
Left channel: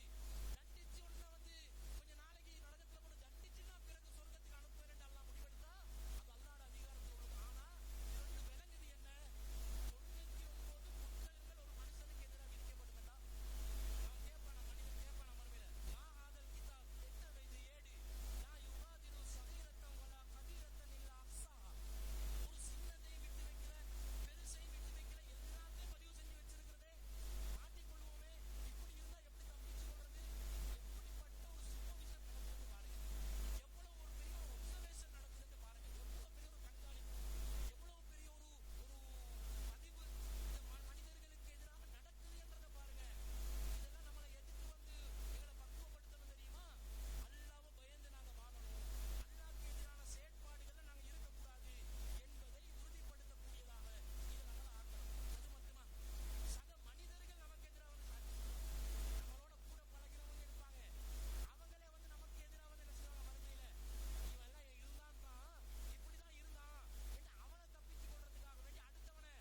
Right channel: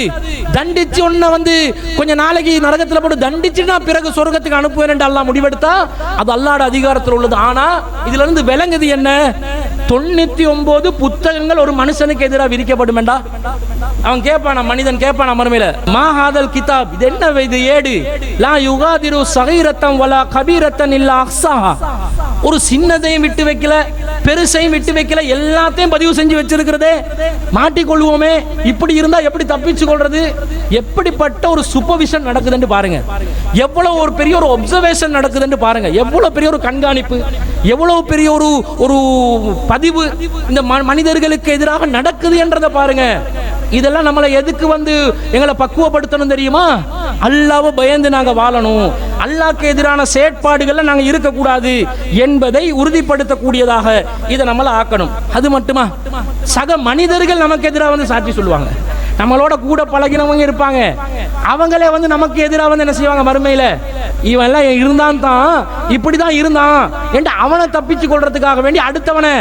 தண்டிச்சு உன்னை வந்து கொஞ்ச நாளைக்கு நரகத்துல போட்டு தண்டிச்சு நான் பிறகு சொர்க்கத்துக்கு அனுப்புவேன் என்று அல்லாஹ் முடிவெடுத்தா அது அல்லாஹ்வுடைய அதிகாரத்தில் உள்ளது. ஆனா இதுல இருந்து விளங்குது என்ன? 99 புத்தகங்கள் ஒரு மனுஷனுக்கு எதிராக விரிக்கப்படும் என்றா அவன் கேட்பானா, மனிதன் கேட்பானா மறுமையில, மா ஹாதல் கிதாப், இது என்ன இது ஏடு? லா யுகாதிரு ஸகீரத்தன் வலா கபீரத்தன் இல்லா அஹ்ஸாஹா, ஒரு சின்னதையும் விட்டு வைக்கல, பெருசையும் விட்டு வைக்கல, எல்லாத்தையும் பதிவு செஞ்சு வச்சிருக்கிறதே. மாட்டிக்கொள்வோமே, இப்படி இருந்தா எப்படி தப்பிச்சு கொள்றது? எப்படிப்பட்ட ஒரு சூப்பர்விஷன் நடக்குதுன்னு பாருங்க. எவ்வளவு ஒரு பெரிய ஒரு அப்சர்வேஷன் நடக்குதுன்னு பாருங்க. எவ்வளவு பெரிய ஒரு கண்காணிப்பு, எவ்வளவு பெரிய ஒரு பதிவு இந்த மனிதர்களுக்கு எதிராக நடக்குது என்றதை பாருங்க. இதெல்லாம் நம்மளை எதுக்கு வந்து எங்களை பக்குவப்படுத்தணும் தெரியுமா? அல்லாஹ்வை பயந்து நாங்க வாழணும், அல்லாஹ்க்கு எதிரான செயற்பாடுகள்ல நாங்க இருக்கக்கூடாது என்பதை உறுதிப்படுத்தக்கூடியதாக இதை நம்மளை ஆக்கணும். அது மட்டுமா, சக மனிதர்கள் நமக்கு எதிராக வந்து சாட்சி சொல்லுவாங்க. நம்மளோட கூட பழகினவங்க இருப்பாங்க, அவங்களே வந்து நமக்கு எதிராக வந்து என்ன செய்வாங்க? மறுமையில இவன் எல்லாம் இருந்தான் தான், இப்படிதான் இருந்தான் என்று அவனை தப்பிச்சு கொள்றதுக்காக வேண்டி அடுத்தவனை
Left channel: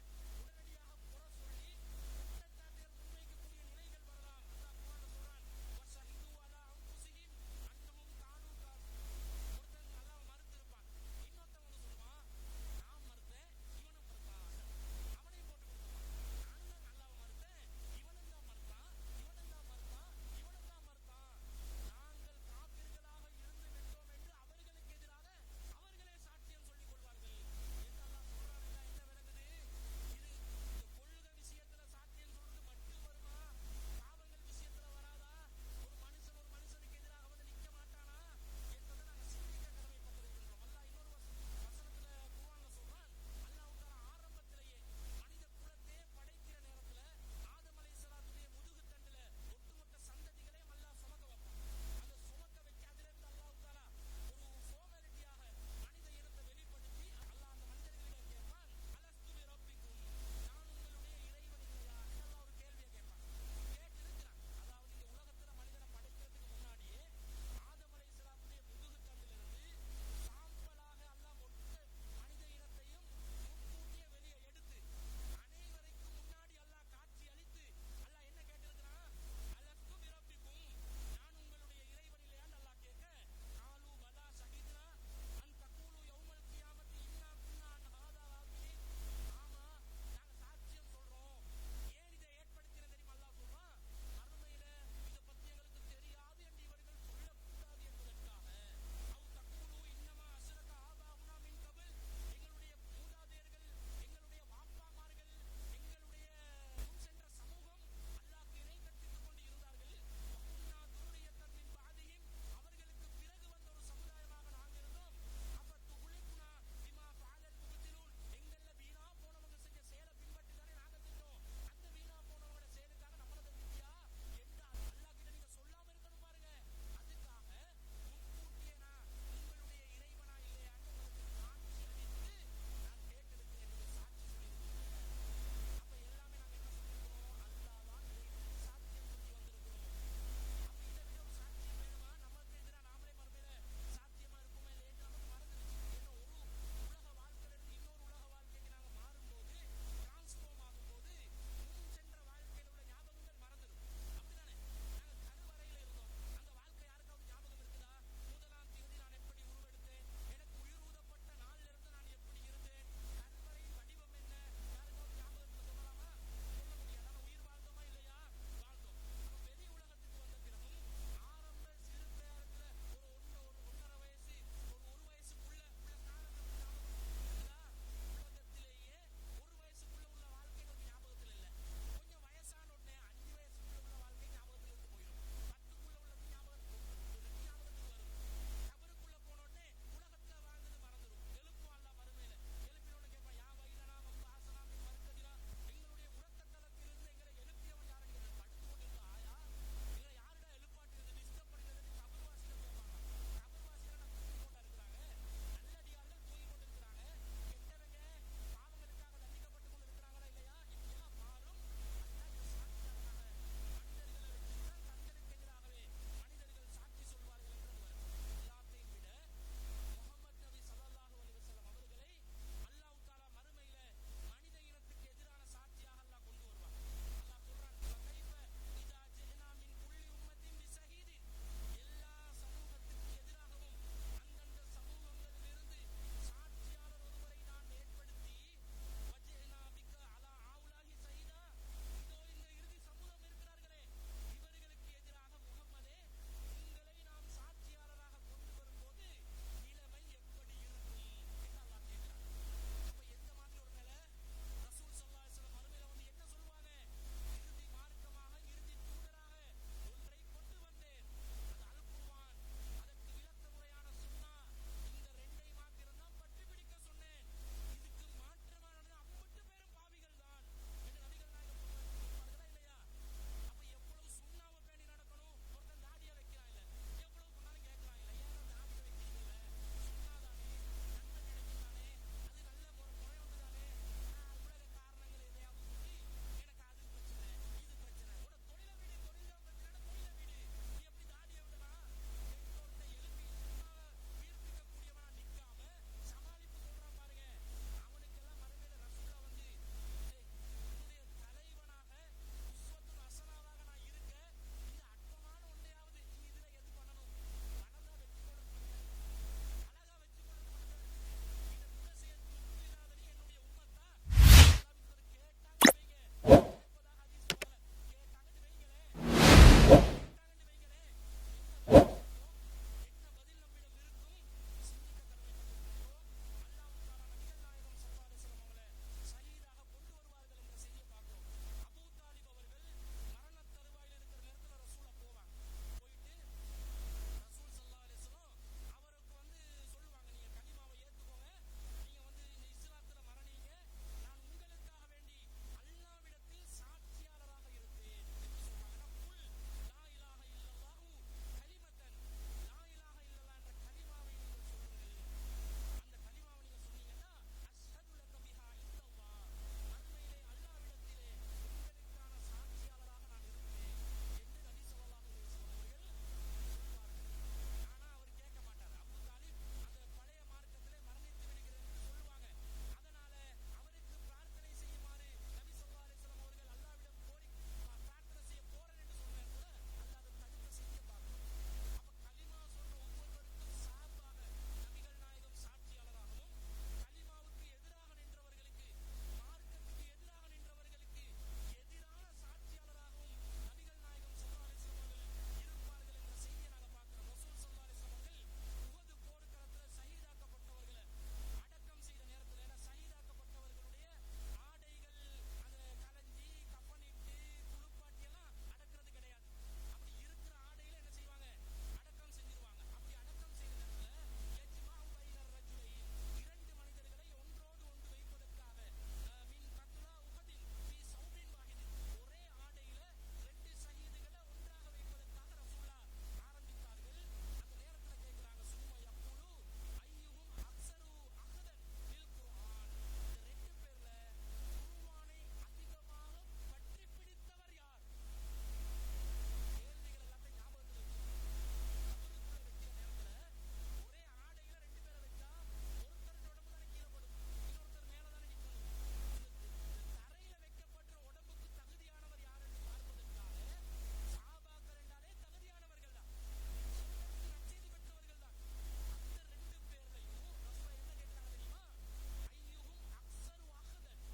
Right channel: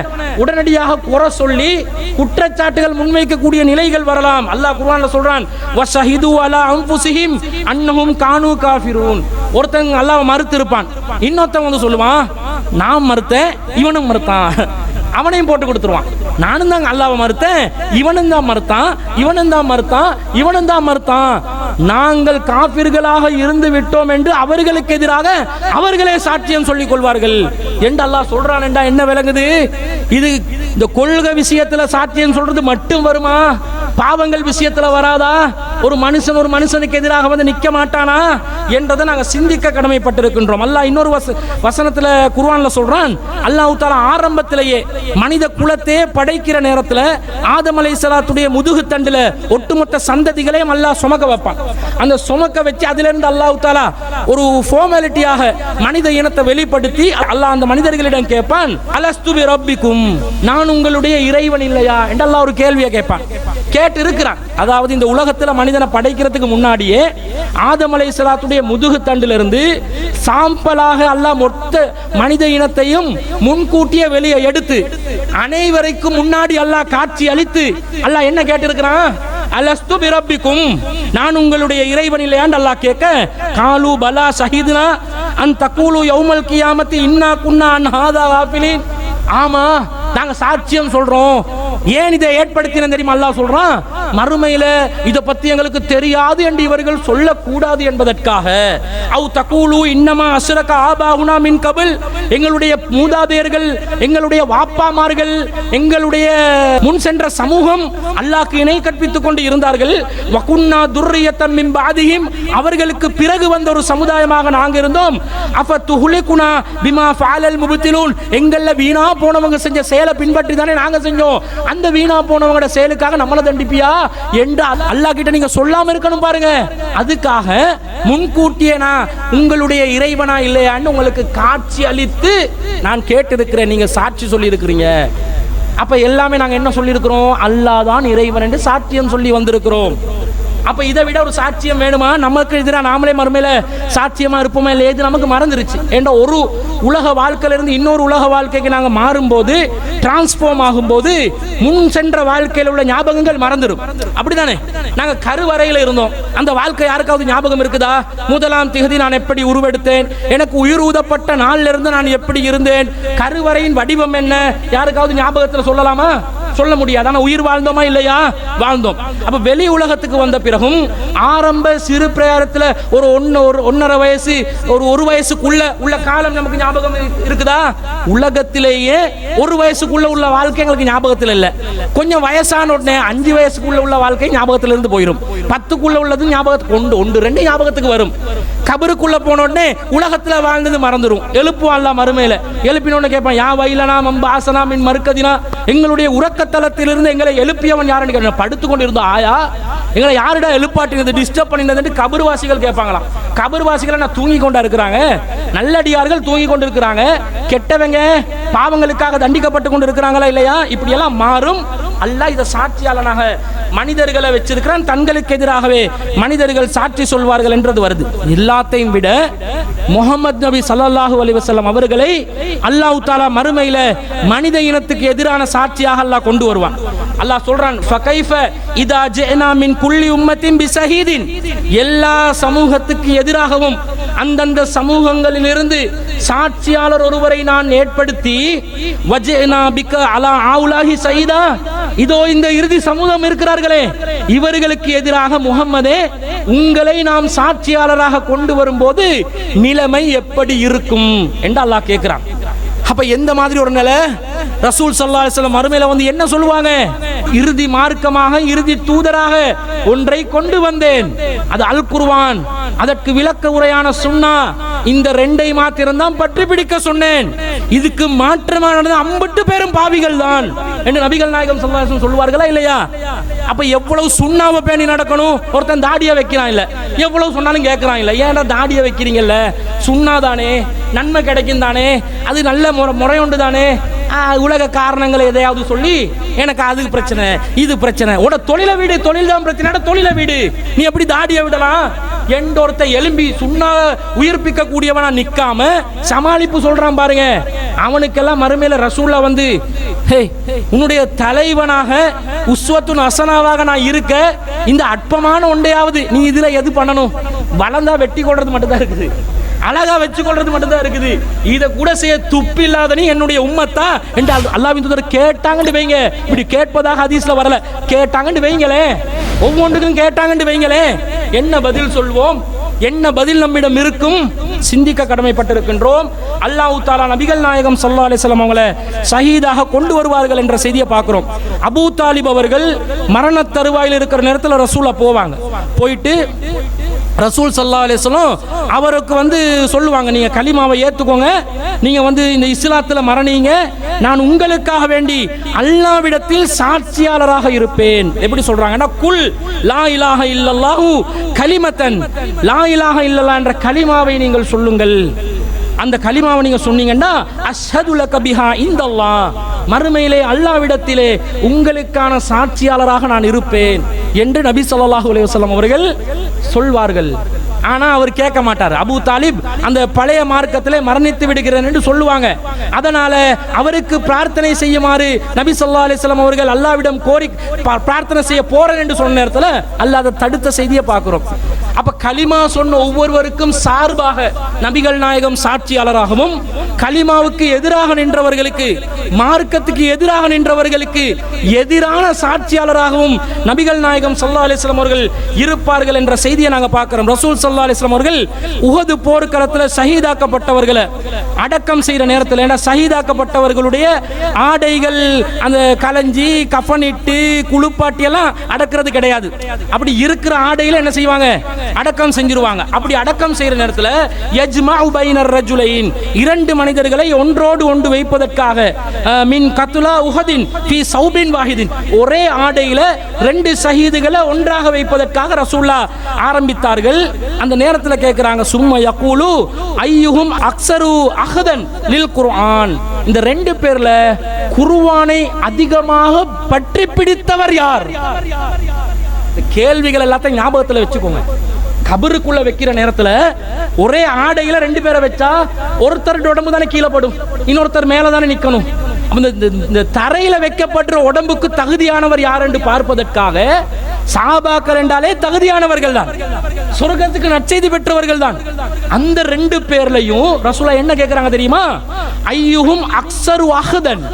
உடனடியாக குறை சொல்லி குற்றச்சாட்டுகள் முன்வைக்கக்கூடிய நிலைகள் வரலாம். அல்லாஹ் குர்ஆன்ல சொல்றான், வஷஹிது அலா அன்ஃபுஸிஹிம் அன்னஹும் கானூ காஃபிரூன். ஒருத்தன் அல்லாஹ்வை மறுத்து இருப்பான், இன்னொருத்தன் வந்து சொல்லுவான், நான் மறுத்தேன், இவனும் மறுத்தான். அவனையும் போட்டு கொடுத்துருவான். நானும் தான் அல்லாஹ்வை மறுத்தேன், இவனும் தான் மறுத்தான், இவனும் தான் மறுத்தான், இவனும் தான் மறுத்தான். நாங்கள் காபிர்களாக இருந்து விட்டோம் என்று அவர்களுக்கு எதிராக அவர்களே சாட்சியம் சொல்லிக் கொள்வார்கள் என்று அல்லாஹ் சொல்றான். என்றா என்ன விளங்குது? இது இந்த கொள்கை விஷயத்துல சாட்சியம் சொல்றது மட்டும் வருமா? பாவங்கள் விஷயத்துல வராதா? ஒரு மனுஷனுக்கு எதிராக வந்து நிக்க மாட்டானா என்றதை நாங்க சிந்திக்க கடமைப்பட்டிருக்கின்றோம். அல்லாஹ் இன்னொரு வசனத்துல குர்ஆன்ல சொல்றான், அல்லாஹ் தஆலா ஆரம்பத்திலேயே மனித குலத்தை படைக்கிற நேரத்துல ஆதம் அலைஹிஸ்ஸலாத்துடைய முதுகு தண்டுல ஒட்டுமொத்த சந்ததிகளையும் அல்லாஹ் சுமக்க வைப்பான். அந்த சுமக்க வச்சு அதிலிருந்து அல்லாஹ் தஆலா ஒரு ஃபார்மாலிட்டியாக மனித இனத்தை வெளிப்படுத்தி அல்லாஹ் அந்த மனிதர்களிடம் கேட்பான், அலஸ்து பி ரப்பிக்கும், நான் உங்களுடைய இறைவன் இல்லையா என்று அல்லாஹ் ஒரு கேள்வியை கேட்பான். கேட்டு இருக்கிறான். அதாவது இந்த உலகத்துல மனிதனை படைக்கிறதுக்கு முன்னாடியே ஆதம் அலைஹிஸ்ஸலாத்துடைய முதுகு தண்டிலிருந்து சாம்பலாக அல்லாஹ் மொத்த மனித இனத்தையும் முன்கூட்டியே வெளியே எடுத்து அனைவருக்கும் முன்னாடி அல்லாஹ் காட்சி அளித்து அல்லாஹ் என்ன கேட்டிருக்கிறான்? அலஸ்து பி ரப்பிக்கும், நான் உங்களுடைய இறைவன் இல்லையான்னு அல்லாஹ் கேட்க, காலு பலா ஷஹீதுனா அன் தகூலு யௌமல் கியாமத்தி இன்னா குன்னா அன் ஹாதா காஃபிலின். ஆமா, நாங்க சாட்சியம் சொல்றோம். ஏன் இதை ஏற்படுத்தினேன் தெரியுமா? அல்லாஹ் சொல்றான், மறுமையில இதை பத்தி எங்களுக்கு தெரியாது என்று இவர்கள் சொல்லக்கூடாது என்பதற்காக. அவு தகூலு இன்னமா அஸ்ரக ஆபாஹுனா மின் கபில், எங்களுடைய மூதாதையர்கள், எங்களுடைய வாப்பாமார்கள், எங்களுடைய முன் சென்ற சமூகம் அல்லாஹ்க்கு இணை கற்பித்துக் கொண்டு இருந்தார்கள். வகுன்னா துர்ரியத்தம் மின் பாதிஹிம், அவர்களுக்கு பிறகு வந்த ஒரு சமுதாயமாக நாங்க இருந்தோம். அஃப துஹ்லிகுனா பிமா ஃபஅலல் முப்திலூன், எங்கள்ல வீணா போனவங்க செஞ்ச செயலை பின்பற்றி தானே நாங்க செஞ்சோம். அந்த வீணா போனவங்களோட செயலுக்காக நம்மளை தண்டிப்பியா என்று அல்லாஹ் கிட்ட நீங்க சொல்லாம இருக்கணும் பாருங்க. அதுக்காக முன்கூட்டியே நான் உங்களுடைய இறைவனா இல்லையான்னு உங்களுக்கு காட்சி அளித்து நான் கேட்டிருக்கிறேன், நீங்க சாட்சி சொல்லி இருக்கிறீங்க. அப்ப எல்லாமே நாங்க என்ன சொல்லி இருக்கிறோம்? அல்லாஹ் தான் இறைவன் என்று சாட்சியம் சொல்லி வந்திருக்கிறோம். அப்ப இதை விட ஒரு சாட்சியம் வேணுமா? நமக்கு எதிராக நாமளே மறுமையில சாட்சியமா இருப்போமா இல்லையா? இது நமக்கு மறந்துருச்சு. என்ற ஒரு உலக வாழ்க்கையில இருந்து இன்னொரு உலக வாழ்க்கைக்கு நாங்க மாறும்போது, டிரான்ஸ்ஃபார்ம் ஆகும்போது முன் சென்ற வாழ்க்கையில் உள்ள ஞாபகங்கள் மறந்துடும். அப்படித்தானே? நாங்க கருவறையில இருந்தோம், அந்த வாழ்க்கை யாருக்காவது ஞாபகம் இருக்குதா? முதலாம் திகதி நான் எப்படி உருவெடுத்தேன், எனக்கு உயிர் ஊதப்பட்ட நாள்ல இருந்து நான் எப்படி இருந்தேன், கருவறையின் வடிவம் என்ன, யாருக்காவது ஞாபகத்தில் சொல்லலாமா? சொல்ல முடியாது. ஆனா உயிர் வாழ்ந்தோமா இல்லையா? வாழ்ந்தோம். அப்ப வெளி உலகத்துக்கு வந்த பிறகும் ஆரம்ப சிறு பிரயாணத்துல ஒரு 1.5 வயசு, ஒரு வயசுக்குள்ள உள்ள காலம் நமக்கு ஞாபகம் இருக்குதா? உலகத்திலேயே 1 வயசுக்குள்ள உள்ள வாழ்க்கை எங்களுக்கு ஞாபகத்தில் இல்ல. கொஞ்சம் வயசான உடனே 5 வயசுக்குள்ள உள்ள வாழ்க்கை ஞாபகத்துல இருந்து போயிடும். 10க்குள்ள உள்ளது ஞாபகத்துக்கு 1 2 ஞாபகத்துக்கு வரும். கபருக்குள்ள போன உடனே உலகத்துல வாழ்ந்தது மறந்துடும். எழுப்புவான்ல மறுமையில. எழுப்பினோன்னு கேட்பான், யா வைலனா மம்ப ஆசனா மின் மறுக்கதினா, எங்களுடைய உறக்கத்தலத்திலிருந்து எங்களை எழுப்பியவன் யாருன்னு கேட்க, படுத்துக்கொண்டு இருந்த ஆயா எங்களை யாருடா எழுப்பாட்டினது, டிஸ்டர்ப் பண்ணினது கபர்வாசிகள் கேட்பாங்களாம். கபர்வாசிகள் நான் தூங்கி கொண்டா இருக்கிறாங்க, நல்லடியார்கள் தூங்கி கொண்டு இருக்கிறாங்க, கெட்டவங்க பாவங்களுக்காக தண்டிக்கப்பட்டு கொண்டு இருக்கிறாங்களா இல்லையா? இப்படி எல்லாம் மாறும். அல்லாஹ் இதை சாட்சியாளனாக மனிதர்களை வச்சிருக்கிறான். தங்களுக்கு எதிராகவே மனிதர்கள் சாட்சி சொல்வார்கள் என்றது வருது. எல்லாத்தையும் விட முஹம்மது நபி ஸல்லல்லாஹு அலைஹி வஸல்லம் அவர்களை அல்லாஹ் தஆலா மறுமையில மனித இனத்துக்கு எதிரான சாட்சியாக அல்லாஹ் கொண்டு வருவான். அல்லாஹ் சொல்றான், ஃபகைஃப இதா ஜஅனா மின் குல்லி உம்மத்தின் பிஸஹீதின், எல்லா சமூகத்துக்கு எதிராகவும் அந்தந்த சமூகங்களிலிருந்து சாட்சியாளர் ஒருவரை நான் ஏற்படுத்தி வஜஅனா பிக அலா ஆவுலாஹி ஸைதா, இதோ இந்த இறுதி சமூகம் இருக்கிறார்களே இவர்களுக்கு எதிராக முஹம்மதே உங்களை நாம் சாட்சியாளராக கொண்டு வரும்போது நிலைமை எப்படி இருக்கும் என்று அல்லாஹ் கேட்கிறான். அப்ப எந்த மாதிரி ஒரு நிலை? ரசூல் ஸல்லல்லாஹு அலைஹி வஸல்லம் மறுமையில வந்து என்ன சொல்லுவாங்க? இறுதி மார்க்கமாக, இறுதி தூதராக ஒன்றை கொண்டு வந்தேன், அது அல் குர்ஆன், அதற்கு விளக்க உரையான சுன்னா, இந்த 2ஐ மாத்திரம் தான் பற்றி பிடிக்க சொன்னேன், இதுக்கு மாற்றமானது 50 பேரும் பாவிகள் தான் என்று நபிகள் நாயகம் ஸல்லல்லாஹு அலைஹி வஸல்லம் சொல்வார்களா இல்லையா? அப்ப எவ்வளவு சுண்ணாவை பேணி நடக்கணும். ஒருத்தன் தாடியை வைக்கிறான் இல்ல, எவ்வளவு சொன்னாலும் கேட்கிறான் இல்ல, ஏன்டா தாடியை வைக்கிறீங்கல்ல, சுண்ணா தானே, நன்மை கிடைக்கும் தானே, அது நல்ல முறையுண்டு தானே, உலக காரணங்களை எதையாவது சொல்லி எனக்கு அது பிரச்சனை இது பிரச்சனை, உட தொழிலை வீடு, தொழில் தான் பிரச்சனை, தொழிலை வீடு, நீ எப்படி தாடியை விடலாம் என்றொருத்த எலும்பி சுண்ணா உயிர்ப்பிக்க கூடியவனா நிக்காம சமாளிப்பு சொல்றான் பாருங்க. அவனுக்கெல்லாம் மறுமையில ரசூல்லா வந்து, ஹே உன்னுடைய தலைவனாக உஸ்வத்துன் ஹஸனாவாக நான் இருக்க, இந்த அற்பமான ஒன்றையாவது நீ இதுல எது பண்ணணும்? வளர்ந்தா வெட்டி கொள்றது மட்டும் தான் இருக்குது. அழகா வச்சு கொள்றது மட்டும் தான் இருக்குது. இதை கூட செய்ய துப்பு இல்லாத நீ என்னுடைய உம்மத்தா என்று அல்லாஹ்வின் தூதர் கேட்டாங்கன்னு வைங்க. இப்படி கேட்பதாக ஹதீஸ்ல வரல, கேட்டாங்கன்னு வைங்களே, ஒவ்வொன்றுக்கும் கேட்டாங்கன்னு வைங்களே, என்ன பதில் சொல்வோம்? என்ன பதில் நம்மிடம் இருக்கும்? சிந்திக்க கடமைப்பட்டிருக்கின்றோம். அல்லாஹ் தஆலா நபிகள் நாயகம் ஸல்லல்லாஹு அலைஹி வஸல்லம் அவங்களை ஷஹீதாக கொண்டு வருவார்கள் என்ற செய்தியை பார்க்கிறோம். அபூ தாலிப் அவர்கள் மரண தருவாயில் இருக்கிற நேரத்தில் ரசூலா போவாங்க. போயிட்டு ரசூல் ஸல்லல்லாஹு அலைஹி வஸல்லம் அவருக்கு சொல்லுவாங்க, நீங்க கலிமாவை ஏத்துக்கோங்க, நீங்க இந்த இஸ்லாத்துல மரணிங்க, நான் உங்களுக்காக வேண்டி அல்லாஹ்விடத்தில் சாட்சியாளராக இருப்பேன். எப்படி சொல்றாங்கன்னா, குல் லா இலாஹ இல்லல்லாஹு கலிமத்தன், லா இலாஹ இல்லல்லாஹ் என்ற கலிமாவை நீங்கள் சொல்லுங்கள். அந்த கலிமாவை நீங்க சொன்னீங்கன்னா அஷ்ஹது லக பிஹா இந்தல்லாஹ், மறுமையிலே அல்லாஹ்விடத்திலே உங்களுக்கான சாட்சியாளராக நான் இருப்பேன் என்று நபி ஸல்லல்லாஹு அலைஹி வஸல்லம் அவர்கள் சொல்வார்கள். ஆனா அவர் கேட்க மாட்டார். அபூ தாலிப் அந்த பழைய மார்க்கத்திலே மரணித்து விடுகிறேன் என்று சொல்லுவாங்க. அதனால அவருக்கு பிரார்த்தனை செய்யுமாறு நபி ஸல்லல்லாஹு அலைஹி வஸல்லம் அவர்கள் அல்லாஹ்விடம் கோரி பிரார்த்தனை செய்ய போறேன் என்று சொன்ன நேரத்தில் அல்லாஹ் அதை தடுத்த செய்தியை பார்க்கிறோம். அப்ப கலிமா சொன்ன ஒவ்வொருவருக்கும் சார்பாக நபிகள் நாயகம் சாட்சியாளராகவும், கலிமாவுக்கு எதிராக நின்றவர்களுக்கு, மார்க்கத்துக்கு எதிராக நின்றவர்களுக்கு எதிரான சாட்சியாளராகவும் நபிகள் நாயகம் ஸல்லல்லாஹு அலைஹி வஸல்லம் அவர்கள் இருப்பார்கள் என்ற செய்தியை நாங்கள் பார்க்கிறோம். ரசூல் ஸல்லல்லாஹு அலைஹி வஸல்லம் அவர்கள் உஹது போர்க்களத்தில் ஷஹீதாக்கப்பட்டவர்களை அடக்கம் செய்கிற நேரத்தில், ஏன்னா ஷஹீதாக்கப்பட்டவர்களுடைய ஆடைகள் அந்த கலஞ்சி கஃனிட்டு குளிப்பாட்டி எல்லாம் அடக்கிறது கிடையாது. அப்படி இருக்கிற ஆடையில என்ன செய்வாங்க? அடக்கம் செஞ்சிருவாங்க. அப்படி அடக்கம் செய்யற நேரத்தில் யஜ்மஉ பைனர் ரஜுலைன், இரண்டு மனிதர்களை ஒன்றோடு ஒன்று வைப்பதற்காக, மின் கத்லா உஹதின் ஃபீ ஸௌபின் வாஹிதின், ஒரே ஆடையில ரெண்டு ஷஹீதுகளை ஒன்றாக வைப்பதற்காக ரசூலுல்லாஹ் ஆரம்பித்தார்கள். அந்த நேரத்தில் கேட்கிறாங்க, சும்ம யகூலு ஐயுஹும் அக்ஸரு அஹ்தன் லில் குர்ஆன், இந்த ரெண்டு பேர்ல குர்ஆனை அதிகமாக பற்றி பிடித்தவர் யார்? கேள்விகள் எல்லாத்தையும் ஞாபகத்தில் வச்சுக்கோங்க. கபருக்குள்ள வைக்கிற நேரத்தில் ஒரே ஆடையில ரெண்டு பேரை வச்சா ஒருத்தர் உடம்பு தானே கீழே படும், இன்னொருத்தர் மேல தானே நிக்கணும். இந்த தரையில வைக்கப்படுற உடம்புக்கு தகுதியானவர் யார் என்று பார்ப்பதற்காக சஹாபாக்கள் என்றாலே தகுதியானவர்கள் தான், சொர்க்கத்துக்கு நற்செய்தி பெற்றவர்கள் தான். அந்த ரெண்டு பேர்லையும் ரசூலுல்லாஹ் என்ன கேட்கிறாங்க தெரியுமா? ஐயுஹும் அக்ஸரு அஹ்தன்,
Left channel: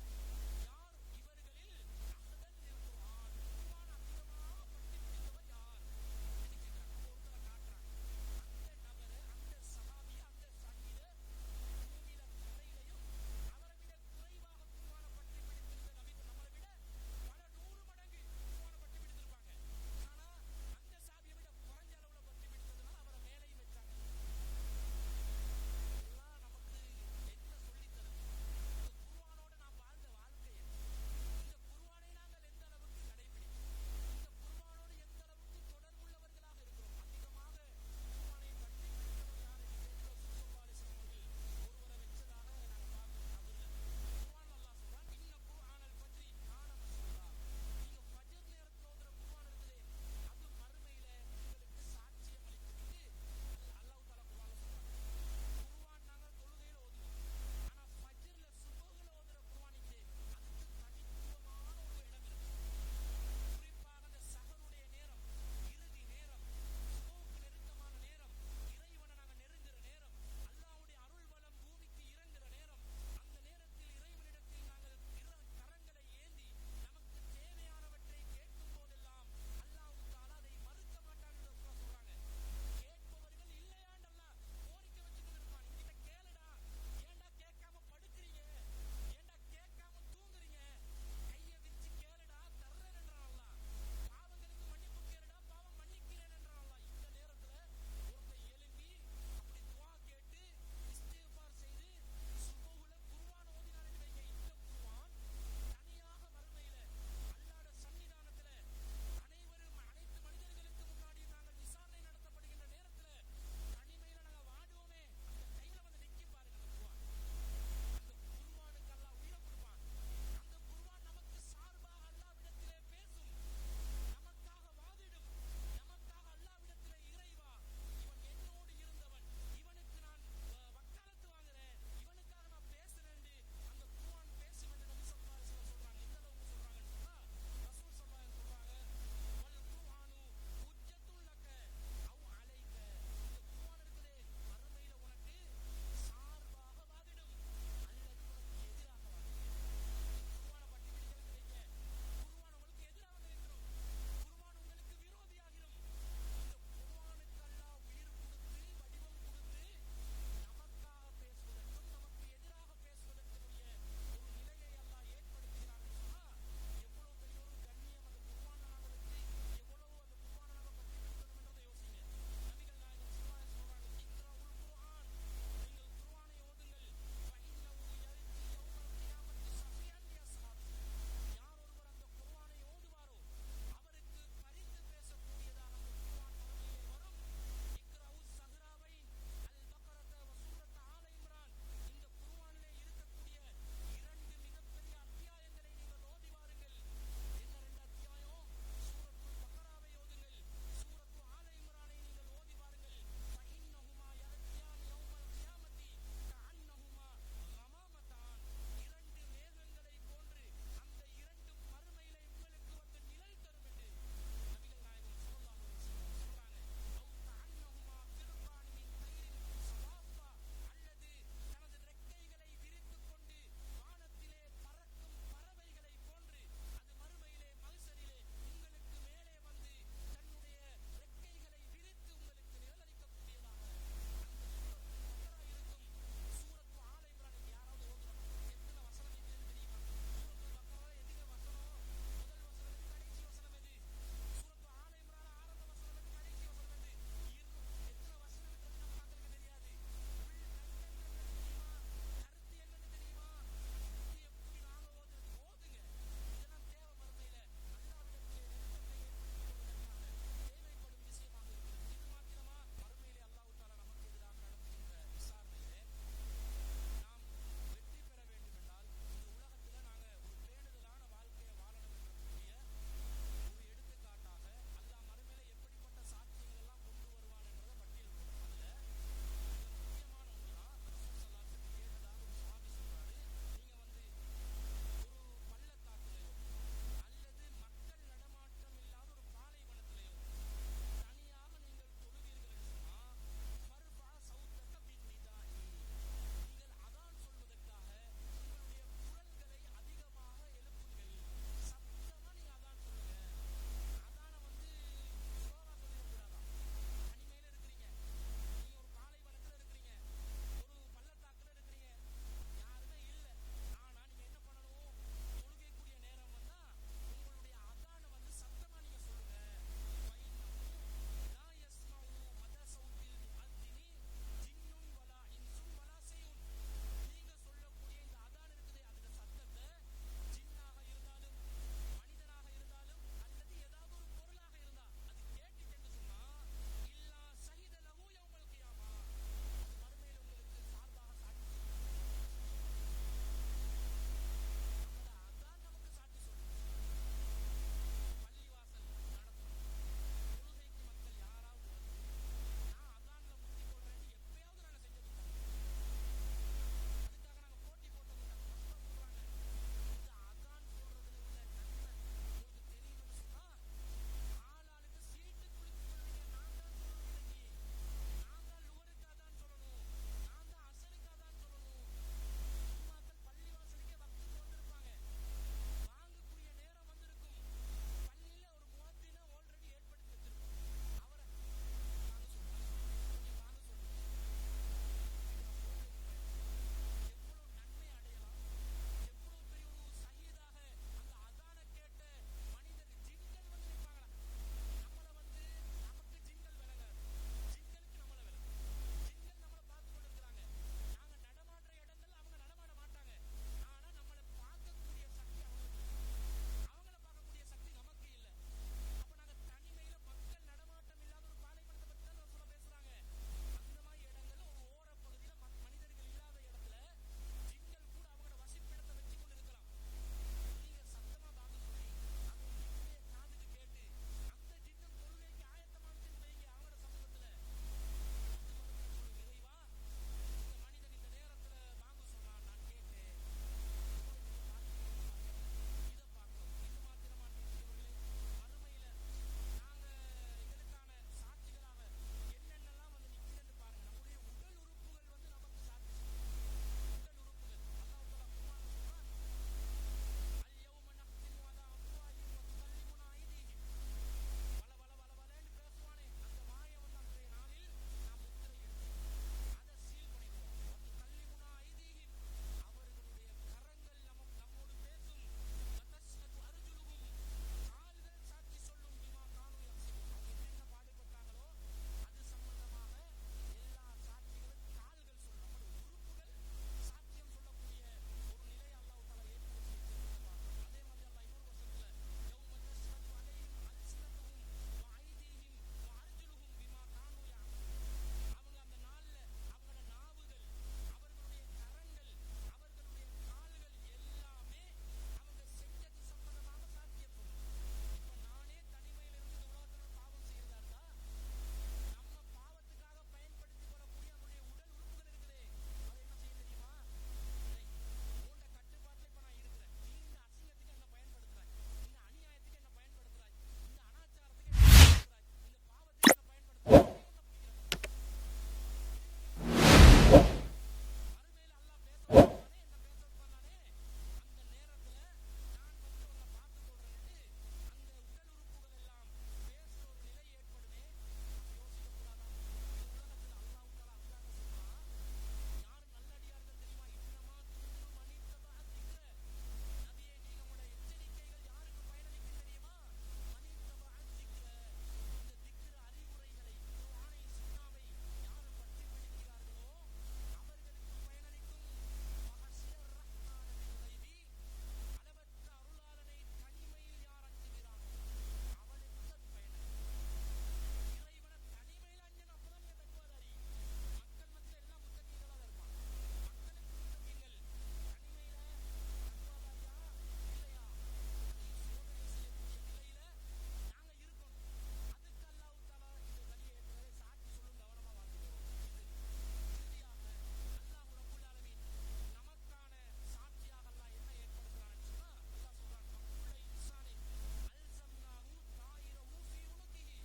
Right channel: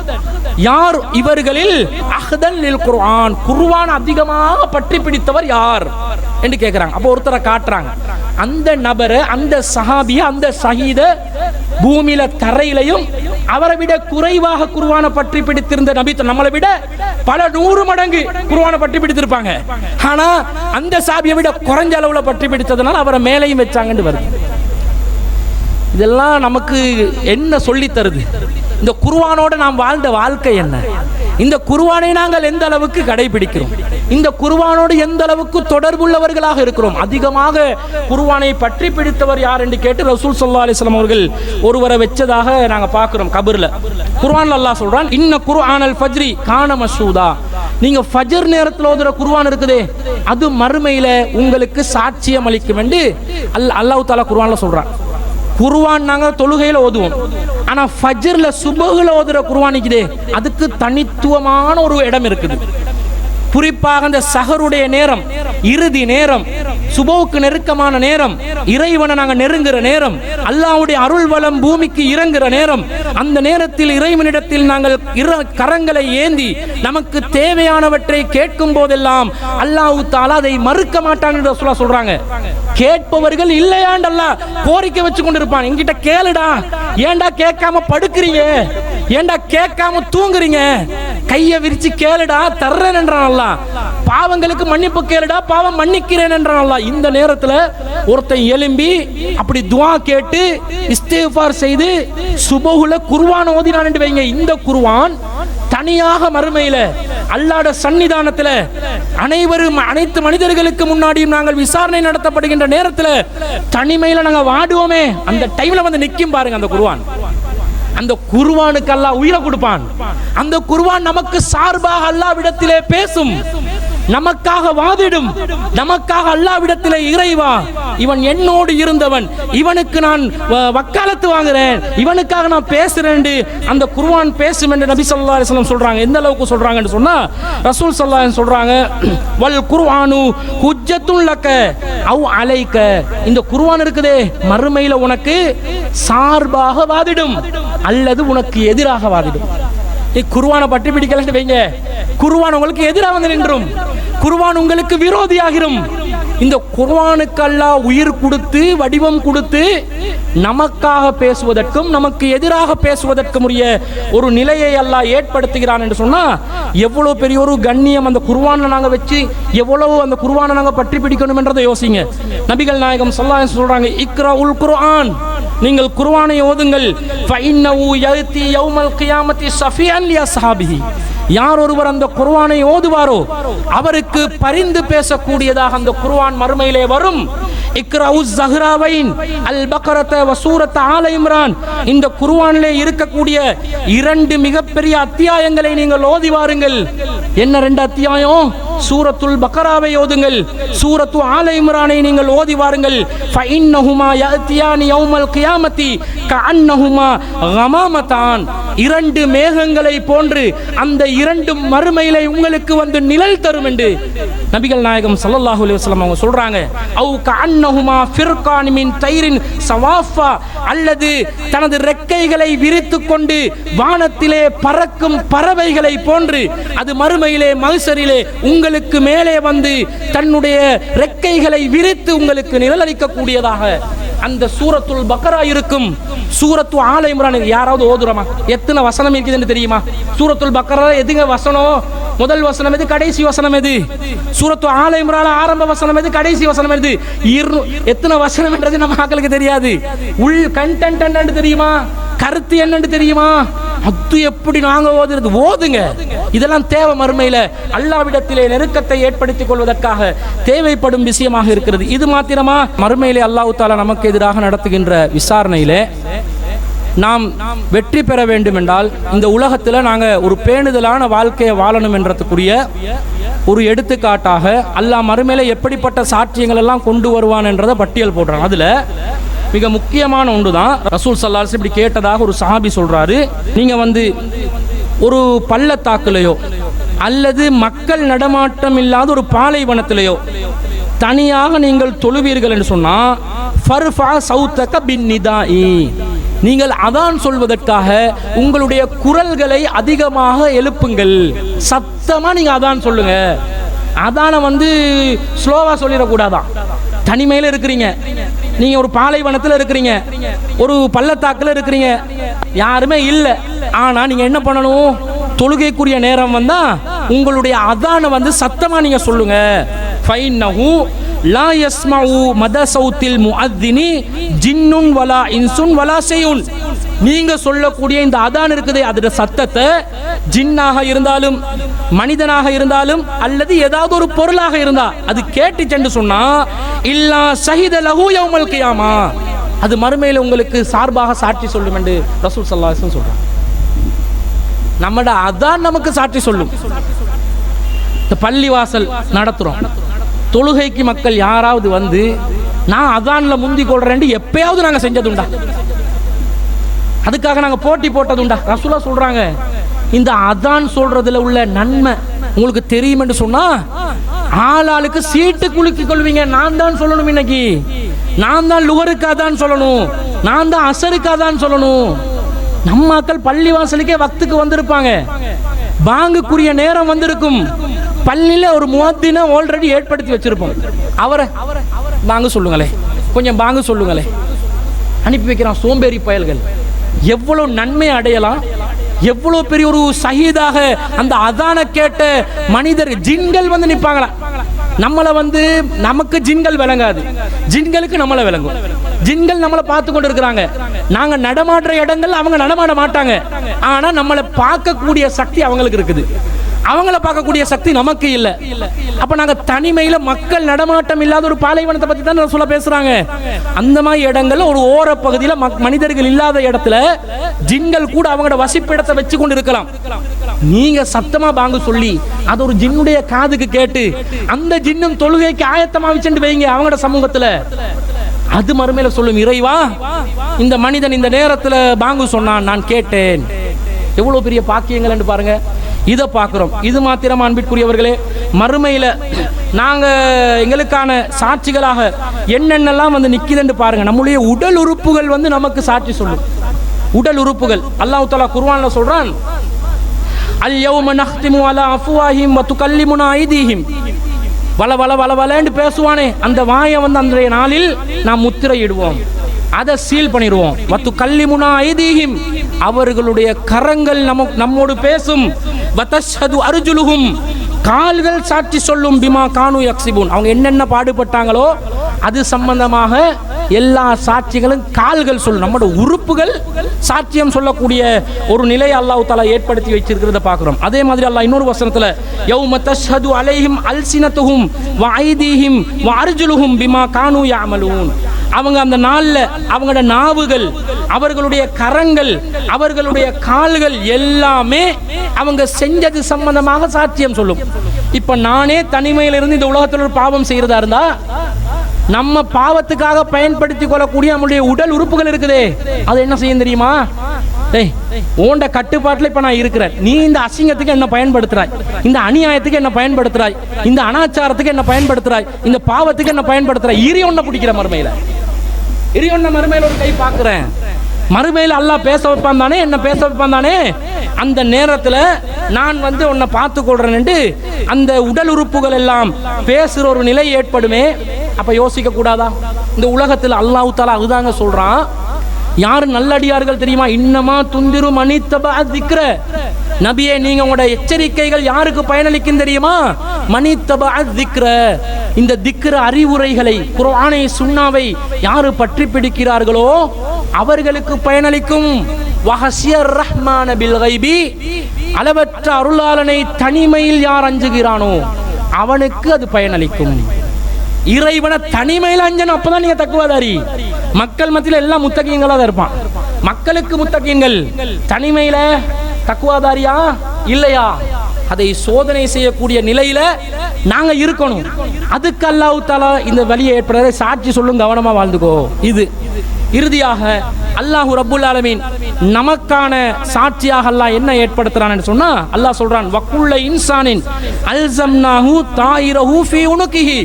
யார் இவர்களில் அஹ்தன் லில் குர்ஆன், குர்ஆன் அதிகமாக பற்றி பிடித்தவர் யார் என்று கேட்கிறாங்க. அப்போ ஒருத்தரை காட்டுறாங்க. அந்த நபரை, அந்த சஹாபிய, அந்த ஷஹீத பூமியில தரையிலையும் அவரை விட குறைவாக குர்ஆனை பற்றி பிடித்திருந்த நபி, நம்மளை விட பல 100 மடங்கு குர்ஆனை பற்றி பிடித்திருப்பாங்க. ஆனா அந்த சஹாபியை விட குறைஞ்ச அளவுல பற்றி பிடித்ததனால அவரை மேலையும் வச்சாங்கன்னு வருது. இதெல்லாம் நமக்கு என்ன சொல்லி தருது? இந்த குர்ஆனோட நாம் வாழ்ந்த வாழ்க்கை என்ன? இந்த குர்ஆனை நாங்கள் எந்த அளவுக்கு கடைபிடிக்கிறோம்? இந்த குர்ஆனோடு எந்த அளவுக்கு தொடர்புள்ளவர்களாக இருக்கிறோம்? அதிகமாக குர்ஆனை பற்றி பிடித்தவர் யார் என்று கேட்டு ரசூல் ஸல்லல்லாஹு அலைஹி வஸல்லம் அவர்கள் ஒருவரை வச்சதாக நாங்கள் பார்க்கிறோம். கபர்ல குர்ஆன்ல அல்லாஹ் சொல்றான், இன்ன குர்ஆனல் ஃபஜ்ரி கான மஷூதா, நீங்க ஃபஜர் நேரத்தில் ஓதுற குர்ஆன் இருக்குதே அது மறுமையில உங்களுக்கு சாட்சியம் அளிக்கும் என்று அல்லாஹ் தஆலா குர்ஆன்ல சொல்றான். குர்ஆன் நாங்க தொழுகையில ஓதுவோம், ஆனா ஃபஜ்ர்ல சுபஹ்ல ஓதுற குர்ஆன் இருக்குதே அதுக்கு தனித்துவமான ஒரு இடம் இருக்குது. குறிப்பாக அந்த சஹருடைய நேரம், இறுதி நேரம், சுபவுக்கு நெருக்கமான நேரம், இறைவனை நாங்கள் நெருங்குற நேரம், அல்லாஹ்வுடைய அருள் வளம் பூமிக்கு இறங்குற நேரம், அந்த நேரத்தில் இறைவனிடத்தில் நாங்கள் கரங்களை ஏந்தி நமக்கு தேவையானவற்றை கேட்கும் போதெல்லாம் அல்லாஹ் தஆலா அதை மறுக்க மாட்டான் என்று ரசூலுல்லாஹ் சொல்றாங்க. கேட்பவர்கள் இல்லையாண்டு அல்லாஹ் கோரிக்கை வச்சு கொண்டிருப்பான், என்கிட்ட கேளுடா, ஏண்டா கேட்காம படுக்கிறீங்க, ஏண்டா கேட்காம தூங்குறீங்க, கையை விரிச்சு கேளுடா தர்றேன் என்றான் அல்லாஹ். பாவங்களுக்கு மன்னிப்பு கேளுடா, பாவம் மன்னிக்கிறேன் என்றான் அல்லாஹ். இந்த நேரத்துல ஒருத்தன் எழும்பி அப்படி துஆ கேட்டு இஸ்திக்ஃபார் செய்து சுபஹுல குர்ஆன் ஓதினான் என்று வைங்க, இந்த குர்ஆன் தனியாக மறுமையில அல்லாஹ்வுடைய சன்னிதானத்துல அனைத்து மனிதர்களுக்கு முன்னாடியும் நாங்கள் விசாரணை நடத்தப்படுகின்ற நேரத்துல தனிமையில நாங்க வாடுவோமே, அந்த டைம்ல வந்து நிக்கும் பாருங்க அந்த குர்ஆன். அந்த குர்ஆனுக்கு அல்லாஹ் உயிரை கொடுப்பான். அந்த குர்ஆன் நமக்கு சார்பாக அல்லாஹ்விடத்திலே பேசும், நமக்காக வாதிடும், நமக்காக அல்லாஹ்விடத்திலே இறைவா இவன் என்னோடு இருந்தவன், இவனுக்கு நான் வக்காலத்து வாங்குறேன், இவனுக்காக நான் பேசுறேன் என்று அந்த குர்ஆன் பேசும் என்று நபி ஸல்லல்லாஹு அலைஹி வஸல்லம் சொல்றாங்க. எந்த அளவுக்கு சொல்றாங்கன்னு சொன்னா ரசூல் ஸல்லல்லாஹு அலைஹி வஸல்லம் சொல்றாங்க, வல் குர்ஆனு ஹுஜ்ஜத்துன் லக்க அவ் அலைக்க. இந்த குர்ஆன் இருக்குதே மறுமையில உனக்கு சார்பாக வாதிடும் அல்லது உனக்கு எதிராக வாதிடும். குர்ஆனை பற்றி பிடிக்கலன்னு வைங்க, குர்ஆன் உங்களுக்கு எதிராக வந்து நின்றும், குர்ஆன் உங்களுக்கு விரோதியாகிரும். இந்த குர்ஆனுக்கு அல்லாஹ் உயிர் கொடுத்து வடிவம் கொடுத்து நமக்காக பேசுவதற்கும் நமக்கு எதிராக பேசுவதற்கும் உரிய ஒரு நிலையை அல்லாஹ் ஏற்படுத்துகிறான் என்று சொன்னா எவ்வளவு பெரிய ஒரு கண்ணியம் அந்த குர்ஆனை நாங்க வச்சு எவ்வளவு அந்த குர்ஆனை நாங்க பற்றி பிடிக்கணும் என்றதை யோசிங்க. நபிகள் நாயகம் ஸல்லல்லாஹு அலைஹி வஸல்லம் சொல்றாங்க, இக்ரவுல் குர்ஆன், நீங்கள் குர்ஆனை ஓதுங்கள், ஃபஇன்னஹு யஅதி யௌமல் கியாமத்தி ஸஃபியன் லிஅஸ்ஹாபிஹி. யார் ஒருவர் அந்த குர்ஆனை ஓதுவாரோ அவருக்கு பரிந்து பேசக்கூடியதாக அந்த குர்ஆன் மறுமையிலே வரும். இக்ரவுஸ் ஸஹ்ராவைன் அல் பக்ரத வ சூரத் ஆல இம்ரான், இந்த குர்ஆனிலே இருக்கக்கூடிய 2 மிகப்பெரிய அத்தியாயங்களை நீங்கள் ஓதி வாருங்கள். என்ன 2 அத்தியாயம்? சூரத்துல் பக்ராவை ஓதுங்கள், சூரத்து ஆல இம்ரானை நீங்கள் ஓதி வாருங்கள். ஃபஇன்னஹுமா யஅதியானி யௌமல் கியாமத்தி கஅன்னஹுமா கமாமதான், 2 மேகங்களை போன்று அந்த 2 மறுமையிலே உங்களுக்கு வந்து நிழல் தரும் என்று நபிகள் நாயகம் ஸல்லல்லாஹு அலைஹி வஸல்லம் அவங்க சொல்றாங்க. அவு கஅன்னஹுமா ஃபிர்கான் மின் தைரின் ஸவாஃபா, அல்லது தனது ரெக்கைகளை விரித்துக் கொண்டு வானத்திலே பறக்கும் பறவைகளை போன்று அது மறுமையிலே மஹ்ஷரிலே உங்களுக்கு மேலே வந்து தன்னுடைய ரெக்கைகளை விரித்து உங்களுக்கு நிழலளிக்கக்கூடியதாக அந்த சூரத்துல் பக்ரா இருக்கும். சூரத்து ஆல இம்ரான் யாராவது ஓதுறமா? எத்தனை வசனம் இருக்குதுன்னு தெரியுமா? சூரத்துல் பக்ரா எதுங்க வசனம்? முதல் வசனம் எது, கடைசி வசனம் எது? சூரத்து ஆல இம்ரான் ஆரம்ப வசனம் எது, கடைசி வசனம் எது? எத்தனை வசனம் என்றது நம்ம மக்களுக்கு தெரியாது. உள் கண்டென்ட் என்னன்னு தெரியுமா? கருத்து என்னன்னு தெரியுமா? அது எப்படி நாங்க ஓதுறது? ஓதுங்க. இதெல்லாம் தேவை மறுமையில அல்லாஹ்விடத்திலே நெருக்கத்தை ஏற்படுத்திக் கொள்வதற்காக தேவைப்படும் விஷயமாக இருக்கிறது. இது மாத்திரமா? மறுமையிலே அல்லாஹ் தஆலா நமக்கு எதிராக நடத்துகின்ற விசாரணையிலே நாம் வெற்றி பெற வேண்டும் என்றால் இந்த உலகத்தில் நாங்கள் ஒரு பேணுதலான வாழ்க்கையை வாழணும் என்றதுக்குரிய ஒரு எடுத்துக்காட்டாக அல்லாஹ் மறுமையில எப்படிப்பட்ட சாட்சியங்கள் எல்லாம் கொண்டு வருவான் என்றதை பட்டியல் போடுறான். அதுல மிக முக்கியமான ஒன்று தான் ரசூல் ஸல்லல்லாஹு அலைஹி வஸல்லம் இப்படி கேட்டதாக ஒரு சஹாபி சொல்றாரு. நீங்க வந்து ஒரு பள்ளத்தாக்குலையோ அல்லது மக்கள் நடமாட்டம் இல்லாத ஒரு பாலைவனத்திலேயோ தனியாக நீங்கள் தொழுவீர்கள் என்று சொன்னா ஃபர்ஃபா சௌதக பின்னிதாஇ, நீங்கள் அதான் சொல்வதற்காக உங்களுடைய குரல்களை அதிகமாக எழுப்புங்கள். சத்தமா நீங்க அதான் சொல்லுங்க. அதான வந்து ஸ்லோவா சொல்லிடக்கூடாதான். தனிமையில இருக்கிறீங்க, நீங்க ஒரு பாலைவனத்தில் இருக்கிறீங்க, ஒரு பள்ளத்தாக்குல இருக்கிறீங்க, யாருமே இல்லை. ஆனா நீங்க என்ன பண்ணணும்? தொழுகைக்குரிய நேரம் வந்தா உங்களுடைய அதான வந்து சத்தமா நீங்க சொல்லுங்க. ஃபைன்னஹு லா யஸ்மஉ மத சௌத்தில் முஅத்தினி ஜின்னுன் வலா இன்சுன் வலா ஷைஉன். நீங்க சொல்லக்கூடிய இந்த அதான் இருக்குதே, அதோட சத்தத்தை ஜின்னாக இருந்தாலும் மனிதனாக இருந்தாலும் அல்லது ஏதாவது ஒரு பொருளாக இருந்தா அது கேட்டுச்சென்று சொன்னா இல்லா ஷஹீத லஹு யௌமல் கியாமா, அது மறுமையில உங்களுக்கு சார்பாக சாட்சி சொல்லும் என்று ரசூல் ஸல்லல்லாஹு அலைஹி வஸல்லம் சொல்றாங்க. நம்மட அதான் நமக்கு சாட்சி சொல்லும். இந்த பள்ளிவாசல் நடத்துறோம், தொழுகைக்கு மக்கள் யாராவது வந்து நான் அதான்ல முந்தி கொள்றேன் எப்பயாவது நாங்க செஞ்சதுண்டா? அதுக்காக நாங்க போட்டி போட்டதுண்டா? ரசூலா சொல்றாங்க, இந்த அதான் சொல்றதுல உள்ள நன்மை உங்களுக்கு தெரியும் என்று சொன்னா ஆளாளுக்கு சீட்டு குலுக்கி கொள்வீங்க. நான் தான் சொல்லணும், இன்னைக்கு நான் தான் லுகருக்கு அதான் சொல்லணும், நான் தான் அசருக்கு அதான் சொல்லணும். நம்ம மக்கள் பள்ளிவாசலுக்கே வக்துக்கு வந்திருப்பாங்க, பாங்குக்குரிய நேரம் வந்திருக்கும், பள்ளியில ஒரு முஅத்தினை ஆல்ரெடி ஏற்படுத்தி வச்சிருப்போம். அவரை பாங்கு சொல்லுங்களே, கொஞ்சம் பாங்கு சொல்லுங்களே, அனுப்பி வைக்கிறான். சோம்பேறி பயல்கள் எவ்வளவு நன்மை அடையலாம், எவ்வளவு பெரிய ஒரு ஷஹீதாக அந்த அதான கேட்ட மனிதர் ஜின்கள் வந்து நிற்பாங்களா. நம்மளை வந்து நமக்கு ஜின்கள் விளங்காது, ஜின்களுக்கு நம்மளை விளங்கும். ஜின்கள் நம்மளை பார்த்து கொண்டு இருக்கிறாங்க, நாங்க நடமாடுற இடங்கள் அவங்க நடமாட மாட்டாங்க. ஆனா நம்மளை பார்க்கக்கூடிய சக்தி அவங்களுக்கு இருக்குது, அவங்கள பார்க்கக்கூடிய சக்தி நமக்கு இல்லை. அப்ப நாங்க தனிமையில மக்கள் நடமாட்டம் இல்லாத ஒரு பாலைவனத்தை பத்தி தான் சொல்ல பேசுறாங்க. அந்த மாதிரி இடங்கள்ல ஒரு ஓர பகுதியில மனிதர்கள் இல்லாத இடத்துல ஜின்கள் கூட அவங்களோட வசிப்பிடத்தை வச்சு கொண்டு இருக்கலாம். நீங்க சத்தமா பாங்கு சொல்லி அது ஒரு ஜின்னுடைய காதுக்கு கேட்டு அந்த ஜின்னும் தொழுகைக்கு ஆயத்தமா வச்சுட்டு வைங்க அவங்களோட சமூகத்துல. அது மறுமையில சொல்லும், இறைவா இந்த மனிதன் இந்த நேரத்துல பாங்கு சொன்னான், நான் கேட்டேன். எவ்வளவு பெரிய பாக்கியங்கள் என்று பாருங்க. இதை பார்க்குறோம். இது மாத்திரம் அன்பிற்குரியவர்களே, மறுமையில் நாங்கள் எங்களுக்கான சாட்சிகளாக என்னென்னலாம் வந்து நிற்கிதுன்னு பாருங்க. நம்முடைய உடல் உறுப்புகள் வந்து நமக்கு சாட்சி சொல்லும். உடல் உறுப்புகள் அல்லாஹ் தஆலா குர்ஆன்ல சொல்றான், அல் யௌம நஹ்திமு அலா அஃப்வாஹிம் வ துகல்லிமுனா ஐதீஹிம். வல வல வல வலன்னு பேசுவானே அந்த வாயை வந்து அன்றைய நாளில் நாம் முத்திரையிடுவோம், அதை சீல் பண்ணிடுவோம். வத்து கல்லிமுனா ஐதீஹிம், அவர்களுடைய கரங்கள் நம்மோடு பேசும். வதஷ்ஹது அர்ஜுலுஹும், கால்கள் சாட்சி சொல்லும். பிமா கானு யக்ஸிபூன், அவங்க என்னென்ன பாடுபட்டாங்களோ அது சம்பந்தமாக எல்லா சாட்சிகளும் கால்கள் சொல்லும். நம்மளோட உறுப்புகள் சாட்சியம் சொல்லக்கூடிய ஒரு நிலையை அல்லாஹ் தஆலா ஏற்படுத்தி வச்சிருக்கிறத பார்க்கிறோம். அதே மாதிரி அல்லாஹ் இன்னொரு வசனத்துல யௌம தஷ்ஹது அலைஹிம் அல்சினத்துஹும் வ ஐதீஹிம் வ அர்ஜுலுஹும் பிமா கானு யஅமலூன், அவங்க அந்த நாள்ல அவங்களோட நாவுகள், அவர்களுடைய கரங்கள், அவர்களுடைய கால்கள் எல்லாமே அவங்க செஞ்சது சம்பந்தமாக சாட்சியம் சொல்லும். இப்ப நானே தனிமையில இருந்து இந்த உலகத்தில் ஒரு பாவம் செய்யறதா இருந்தா நம்ம பாவத்துக்காக பயன்படுத்தி கொள்ளக்கூடிய நம்முடைய உடல் உறுப்புகள் இருக்குதே, அது என்ன செய்யும் தெரியுமா? ஓண்ட கட்டுப்பாட்டில் இப்ப நான் இருக்கிறேன், நீ இந்த அசிங்கத்துக்கு என்ன பயன்படுத்துறாய், இந்த அநியாயத்துக்கு என்ன பயன்படுத்துறாய், இந்த அனாச்சாரத்துக்கு என்ன பயன்படுத்துறாய், இந்த பாவத்துக்கு என்ன பயன்படுத்துறாய். இரி ஒன்ன பிடிக்கிற மறுமையில, இரி ஒன்ன மறுமையில ஒரு கை பார்க்கிறேன். மறுமையில் அல்லாஹ் பேச வைப்பான் தானே, என்ன பேச வைப்பான் தானே. அந்த நேரத்தில் நான் வந்து உன்னை பார்த்து கொள்றேன், அந்த உடல் உறுப்புகள் எல்லாம் பேசுற ஒரு நிலை ஏற்படுமே. அப்ப யோசிக்க கூடாதா? இந்த உலகத்தில் அல்லாஹ் தஆலா அதுதாங்க சொல்றான். யார் நல்லடியார்கள் தெரியுமா? இன்னமா துந்திரு மனித்தபா திக்ர, நபியே நீங்க உங்களோட எச்சரிக்கைகள் யாருக்கு பயனளிக்கும் தெரியுமா? மனித்தபா திக்ர, இந்த திக்ர அறிவுரைகளை, குர்ஆனை சுன்னாவை யாரு பற்றி பிடிக்கிறார்களோ அவர்களுக்கு பயனளிக்கும். வஹசியர் ரஹ்மான பில் கைபி, அளவற்ற அருளாளனை தனிமையில் யார் அஞ்சுகிறானோ அவனுக்கு அது பயனளிக்கும். இறைவனை தனிமையில் அஞ்சணும், அப்பதான் நீங்க தக்குவாதாரி. மக்கள் மத்தியில் எல்லாம் முத்தகீன்களா தான் இருப்பான். மக்களுக்கு முத்தகீன்கள், தனிமையில தக்குவாதாரியா இல்லையா, அதை சோதனை செய்யக்கூடிய நிலையில நாங்க இருக்கணும். அதுக்கு அல்லாஹ் தஆலா இந்த வழியை ஏற்படுறதை சாட்சி சொல்லும், கவனமா வாழ்ந்துக்கோ. இது இறுதியாக அல்லாஹ் ரப்புல் ஆலமீன் நமக்கான சாட்சியாக அல்லாஹ் என்ன ஏற்படுத்துறான்னு சொன்னா, அல்லாஹ் சொல்றான், வக்குல்ல இன்சானின் அல்ஸம்னாஹு தாயிரஹு ஃபீ உனுகிஹி,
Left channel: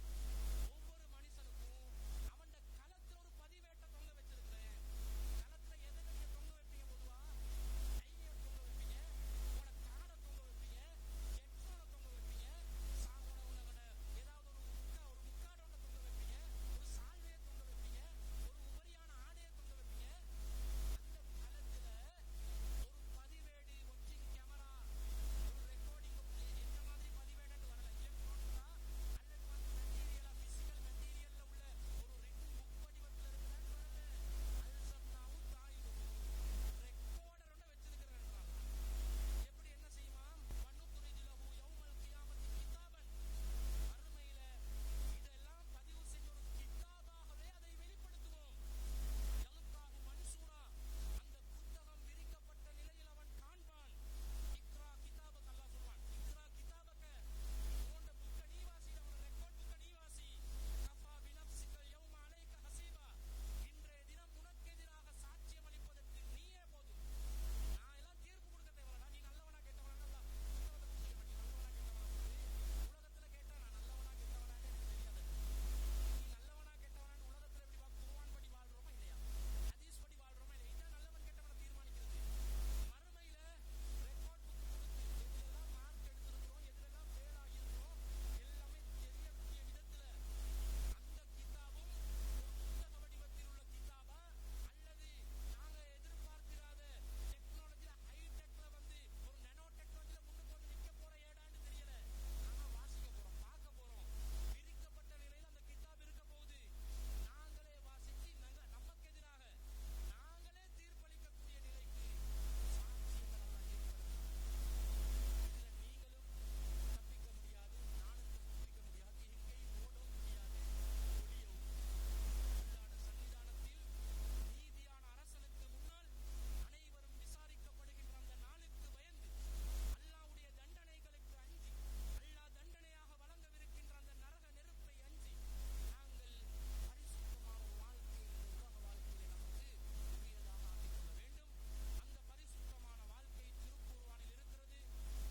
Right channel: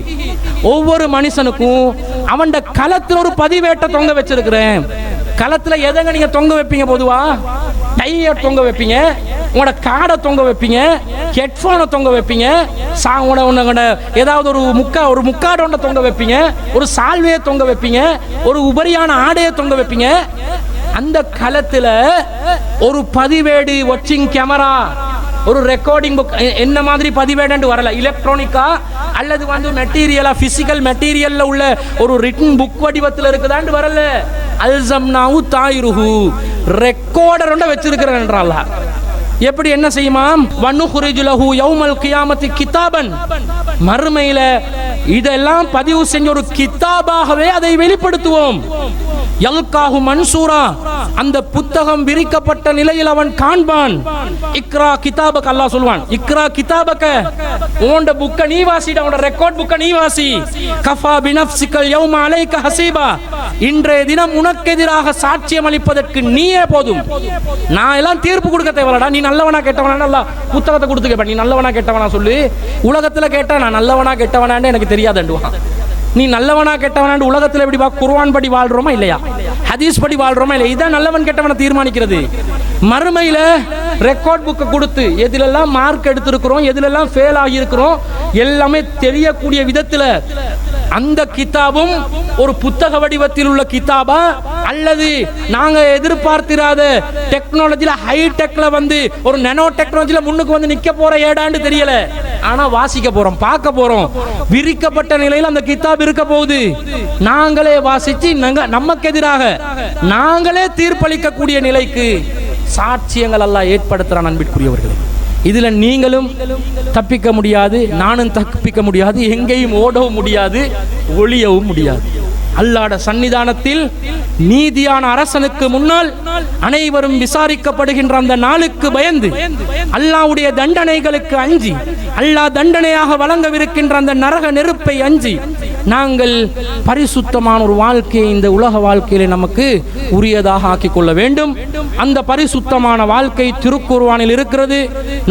ஒவ்வொரு மனுஷனுக்கும் அவன் களத்தில் ஒரு பதிவேட்டை தொங்க வச்சிருக்கிறேன். களத்துல எதங்க நீங்க தொங்க வைப்பீங்க? பொதுவா டைய தொங்க வைப்பீங்க, உங்களோட காடை தொங்க வைப்பீங்க, ஹெட்போனை தொங்க வைப்பீங்க, ஏதாவது ஒரு முக்காடு ஒன்றை தொங்க வைப்பீங்க, ஒரு சால்வையை தொங்க வைப்பீங்க, ஒரு உபரியான ஆடையை தொங்க வைப்பீங்க. அந்த களத்துல ஒரு பதிவேடு, வாட்சிங் கேமரா, ஒரு ரெக்கார்டிங் புக், என்ன மாதிரி பதிவேடு வரல, எலக்ட்ரானிக்கா அல்லது வந்து மெட்டீரியலா, பிசிக்கல் மெட்டீரியல்ல உள்ள ஒரு ரிட்டன் புக் வடிவத்தில் இருக்குதான்னு வரல. அல்ஸம்னாஹு தாயிருஹு, ரெக்கார்டர் ஒன்றை வச்சிருக்கிறேன் என்றால் எப்படி என்ன செய்யுமா? வனுஹ்ரிஜு லஹு யௌமல் கியாமத்தி கிதாபன், மறுமையில இதெல்லாம் பதிவு செஞ்ச ஒரு கிதாபாகவே அதை வெளிப்படுத்துவோம். யல்காஹு மன்சூரா, அந்த புத்தகம் விரிக்கப்பட்ட நிலையில் அவன் காண்பான். இக்ரா கிதாபக, அல்லாஹ் சொல்வான், இக்ரா கிதாபக, உன்ட புக்க நீ வாசிடா, உன்ட ரெக்கார்ட் புக்க நீ வாசி. கஃபா பினஃப்ஸிகல் யௌம அலைக ஹஸீபா, இன்றைய தினம் உனக்கு எதிராக சாட்சியம் அளிப்பதற்கு நீயே போதும். நான் எல்லாம் தீர்ப்பு கொடுக்க தேவையில்லடா, நீ நல்லவனா கெட்டவனா அல்லாஹ் புத்தகத்தை கொடுத்து கேட்பேன். நீ நல்லவனா கெட்டவனா சொல்லு. உலகத்துல கேட்டா நான் நல்லவனா கெட்டவனான்னு எனக்கு தெரியாதுண்டுவான். நீ நல்லவனா கெட்டவனான்னு உலகத்தில் எப்படி குர்ஆன் படி வாழ்றோமா இல்லையா, ஹதீஸ் படி வாழ்றோமா இல்லையா, இதான் நல்லவன் கெட்டவனை தீர்மானிக்கிறது. மறுமையில ரெக்கார்ட் புக்கை கொடுத்து எதிலெல்லாம் மார்க் எடுத்திருக்கிறோம், எதிலெல்லாம் ஃபெயில் ஆகியிருக்கிறோம் எல்லாமே தெரியக்கூடிய விதத்தில் அந்த கிதாபும் ஒரு புத்தக வடிவத்தில் உள்ள கிதாபா, அல்லது நாங்க எதிர்பார்த்திராத டெக்னாலஜில ஹைடெக்ல வந்து ஒரு நானோ டெக்னாலஜில முன்னுக்கு வந்து நிக்க போற ஏடான்னு தெரியல. ஆனா வாசிக்க போறோம், பார்க்க போறோம். விரிக்கப்பட்ட நிலையில் அந்த கிதாப் இருக்க போகுது. நாங்களே வாசிச்சு நமக்கு எதிராக நாங்களே தீர்ப்பளிக்கக்கூடிய நிலைக்கு சாட்சியங்கள் அல்லாஹ் ஏற்படுத்துறான். அன்பிற்குரியவர்களே, இதுல நீங்களும் தப்பிக்க முடியாது, நானும் தப்பிக்க முடியாது, எங்கேயும் ஓடவும் முடியாது, ஒளியவும் முடியாது. அல்லாஹ்வுடைய சன்னிதானத்தில் நீதியான அரசனுக்கு முன்னால் அனைவரும் விசாரிக்கப்படுகின்ற அந்த நாளுக்கு பயந்து, அல்லாஹ்வுடைய தண்டனைகளுக்கு அஞ்சி, அல்லாஹ் தண்டனையாக வழங்கவிருக்கின்ற அந்த நரக நெருப்பை அஞ்சி நாங்கள் பரிசுத்தமான ஒரு வாழ்க்கையை இந்த உலக வாழ்க்கையிலே நமக்கு உரியதாக ஆக்கிக் கொள்ள வேண்டும். அந்த பரிசுத்தமான வாழ்க்கை திருக்குர்ஆனில் இருக்கிறது,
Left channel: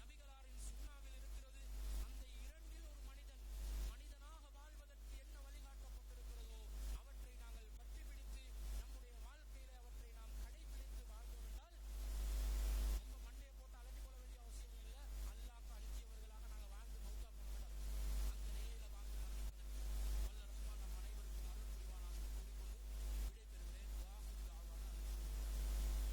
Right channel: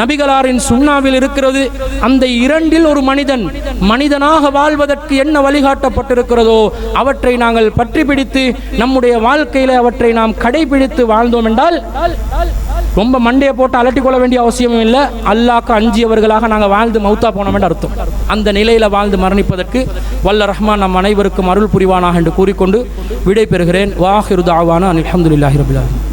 நபிகளாரின் சுன்னாவில் இருக்கிறது. அந்த இரண்டில் ஒரு மனிதன் மனிதனாக வாழ்வதற்கு என்ன வழிகாட்டப்பட்டிருக்கிறதோ அவற்றை நாங்கள் பற்றி பிடித்து நம்முடைய வாழ்க்கையில அவற்றை நாம் கடைபிடித்து வாழ்ந்தோம் என்றால் ரொம்ப மண்டையை போட்டு அலட்டி கொள்ள வேண்டிய அவசியமும் இல்லை. அல்லாஹ்க்கு அஞ்சியவர்களாக நாங்கள் வாழ்ந்து மௌத்தா போனோம் என்று அர்த்தம். அந்த நிலையில வாழ்ந்து மரணிப்பதற்கு வல்ல ரஹ்மான் நம் அனைவருக்கும் அருள் புரிவானாக என்று கூறிக்கொண்டு விடை பெறுகிறேன். வாஹிரு தாவானா அல்ஹம்துலில்லாஹி ரப்பில் ஆலமீன்.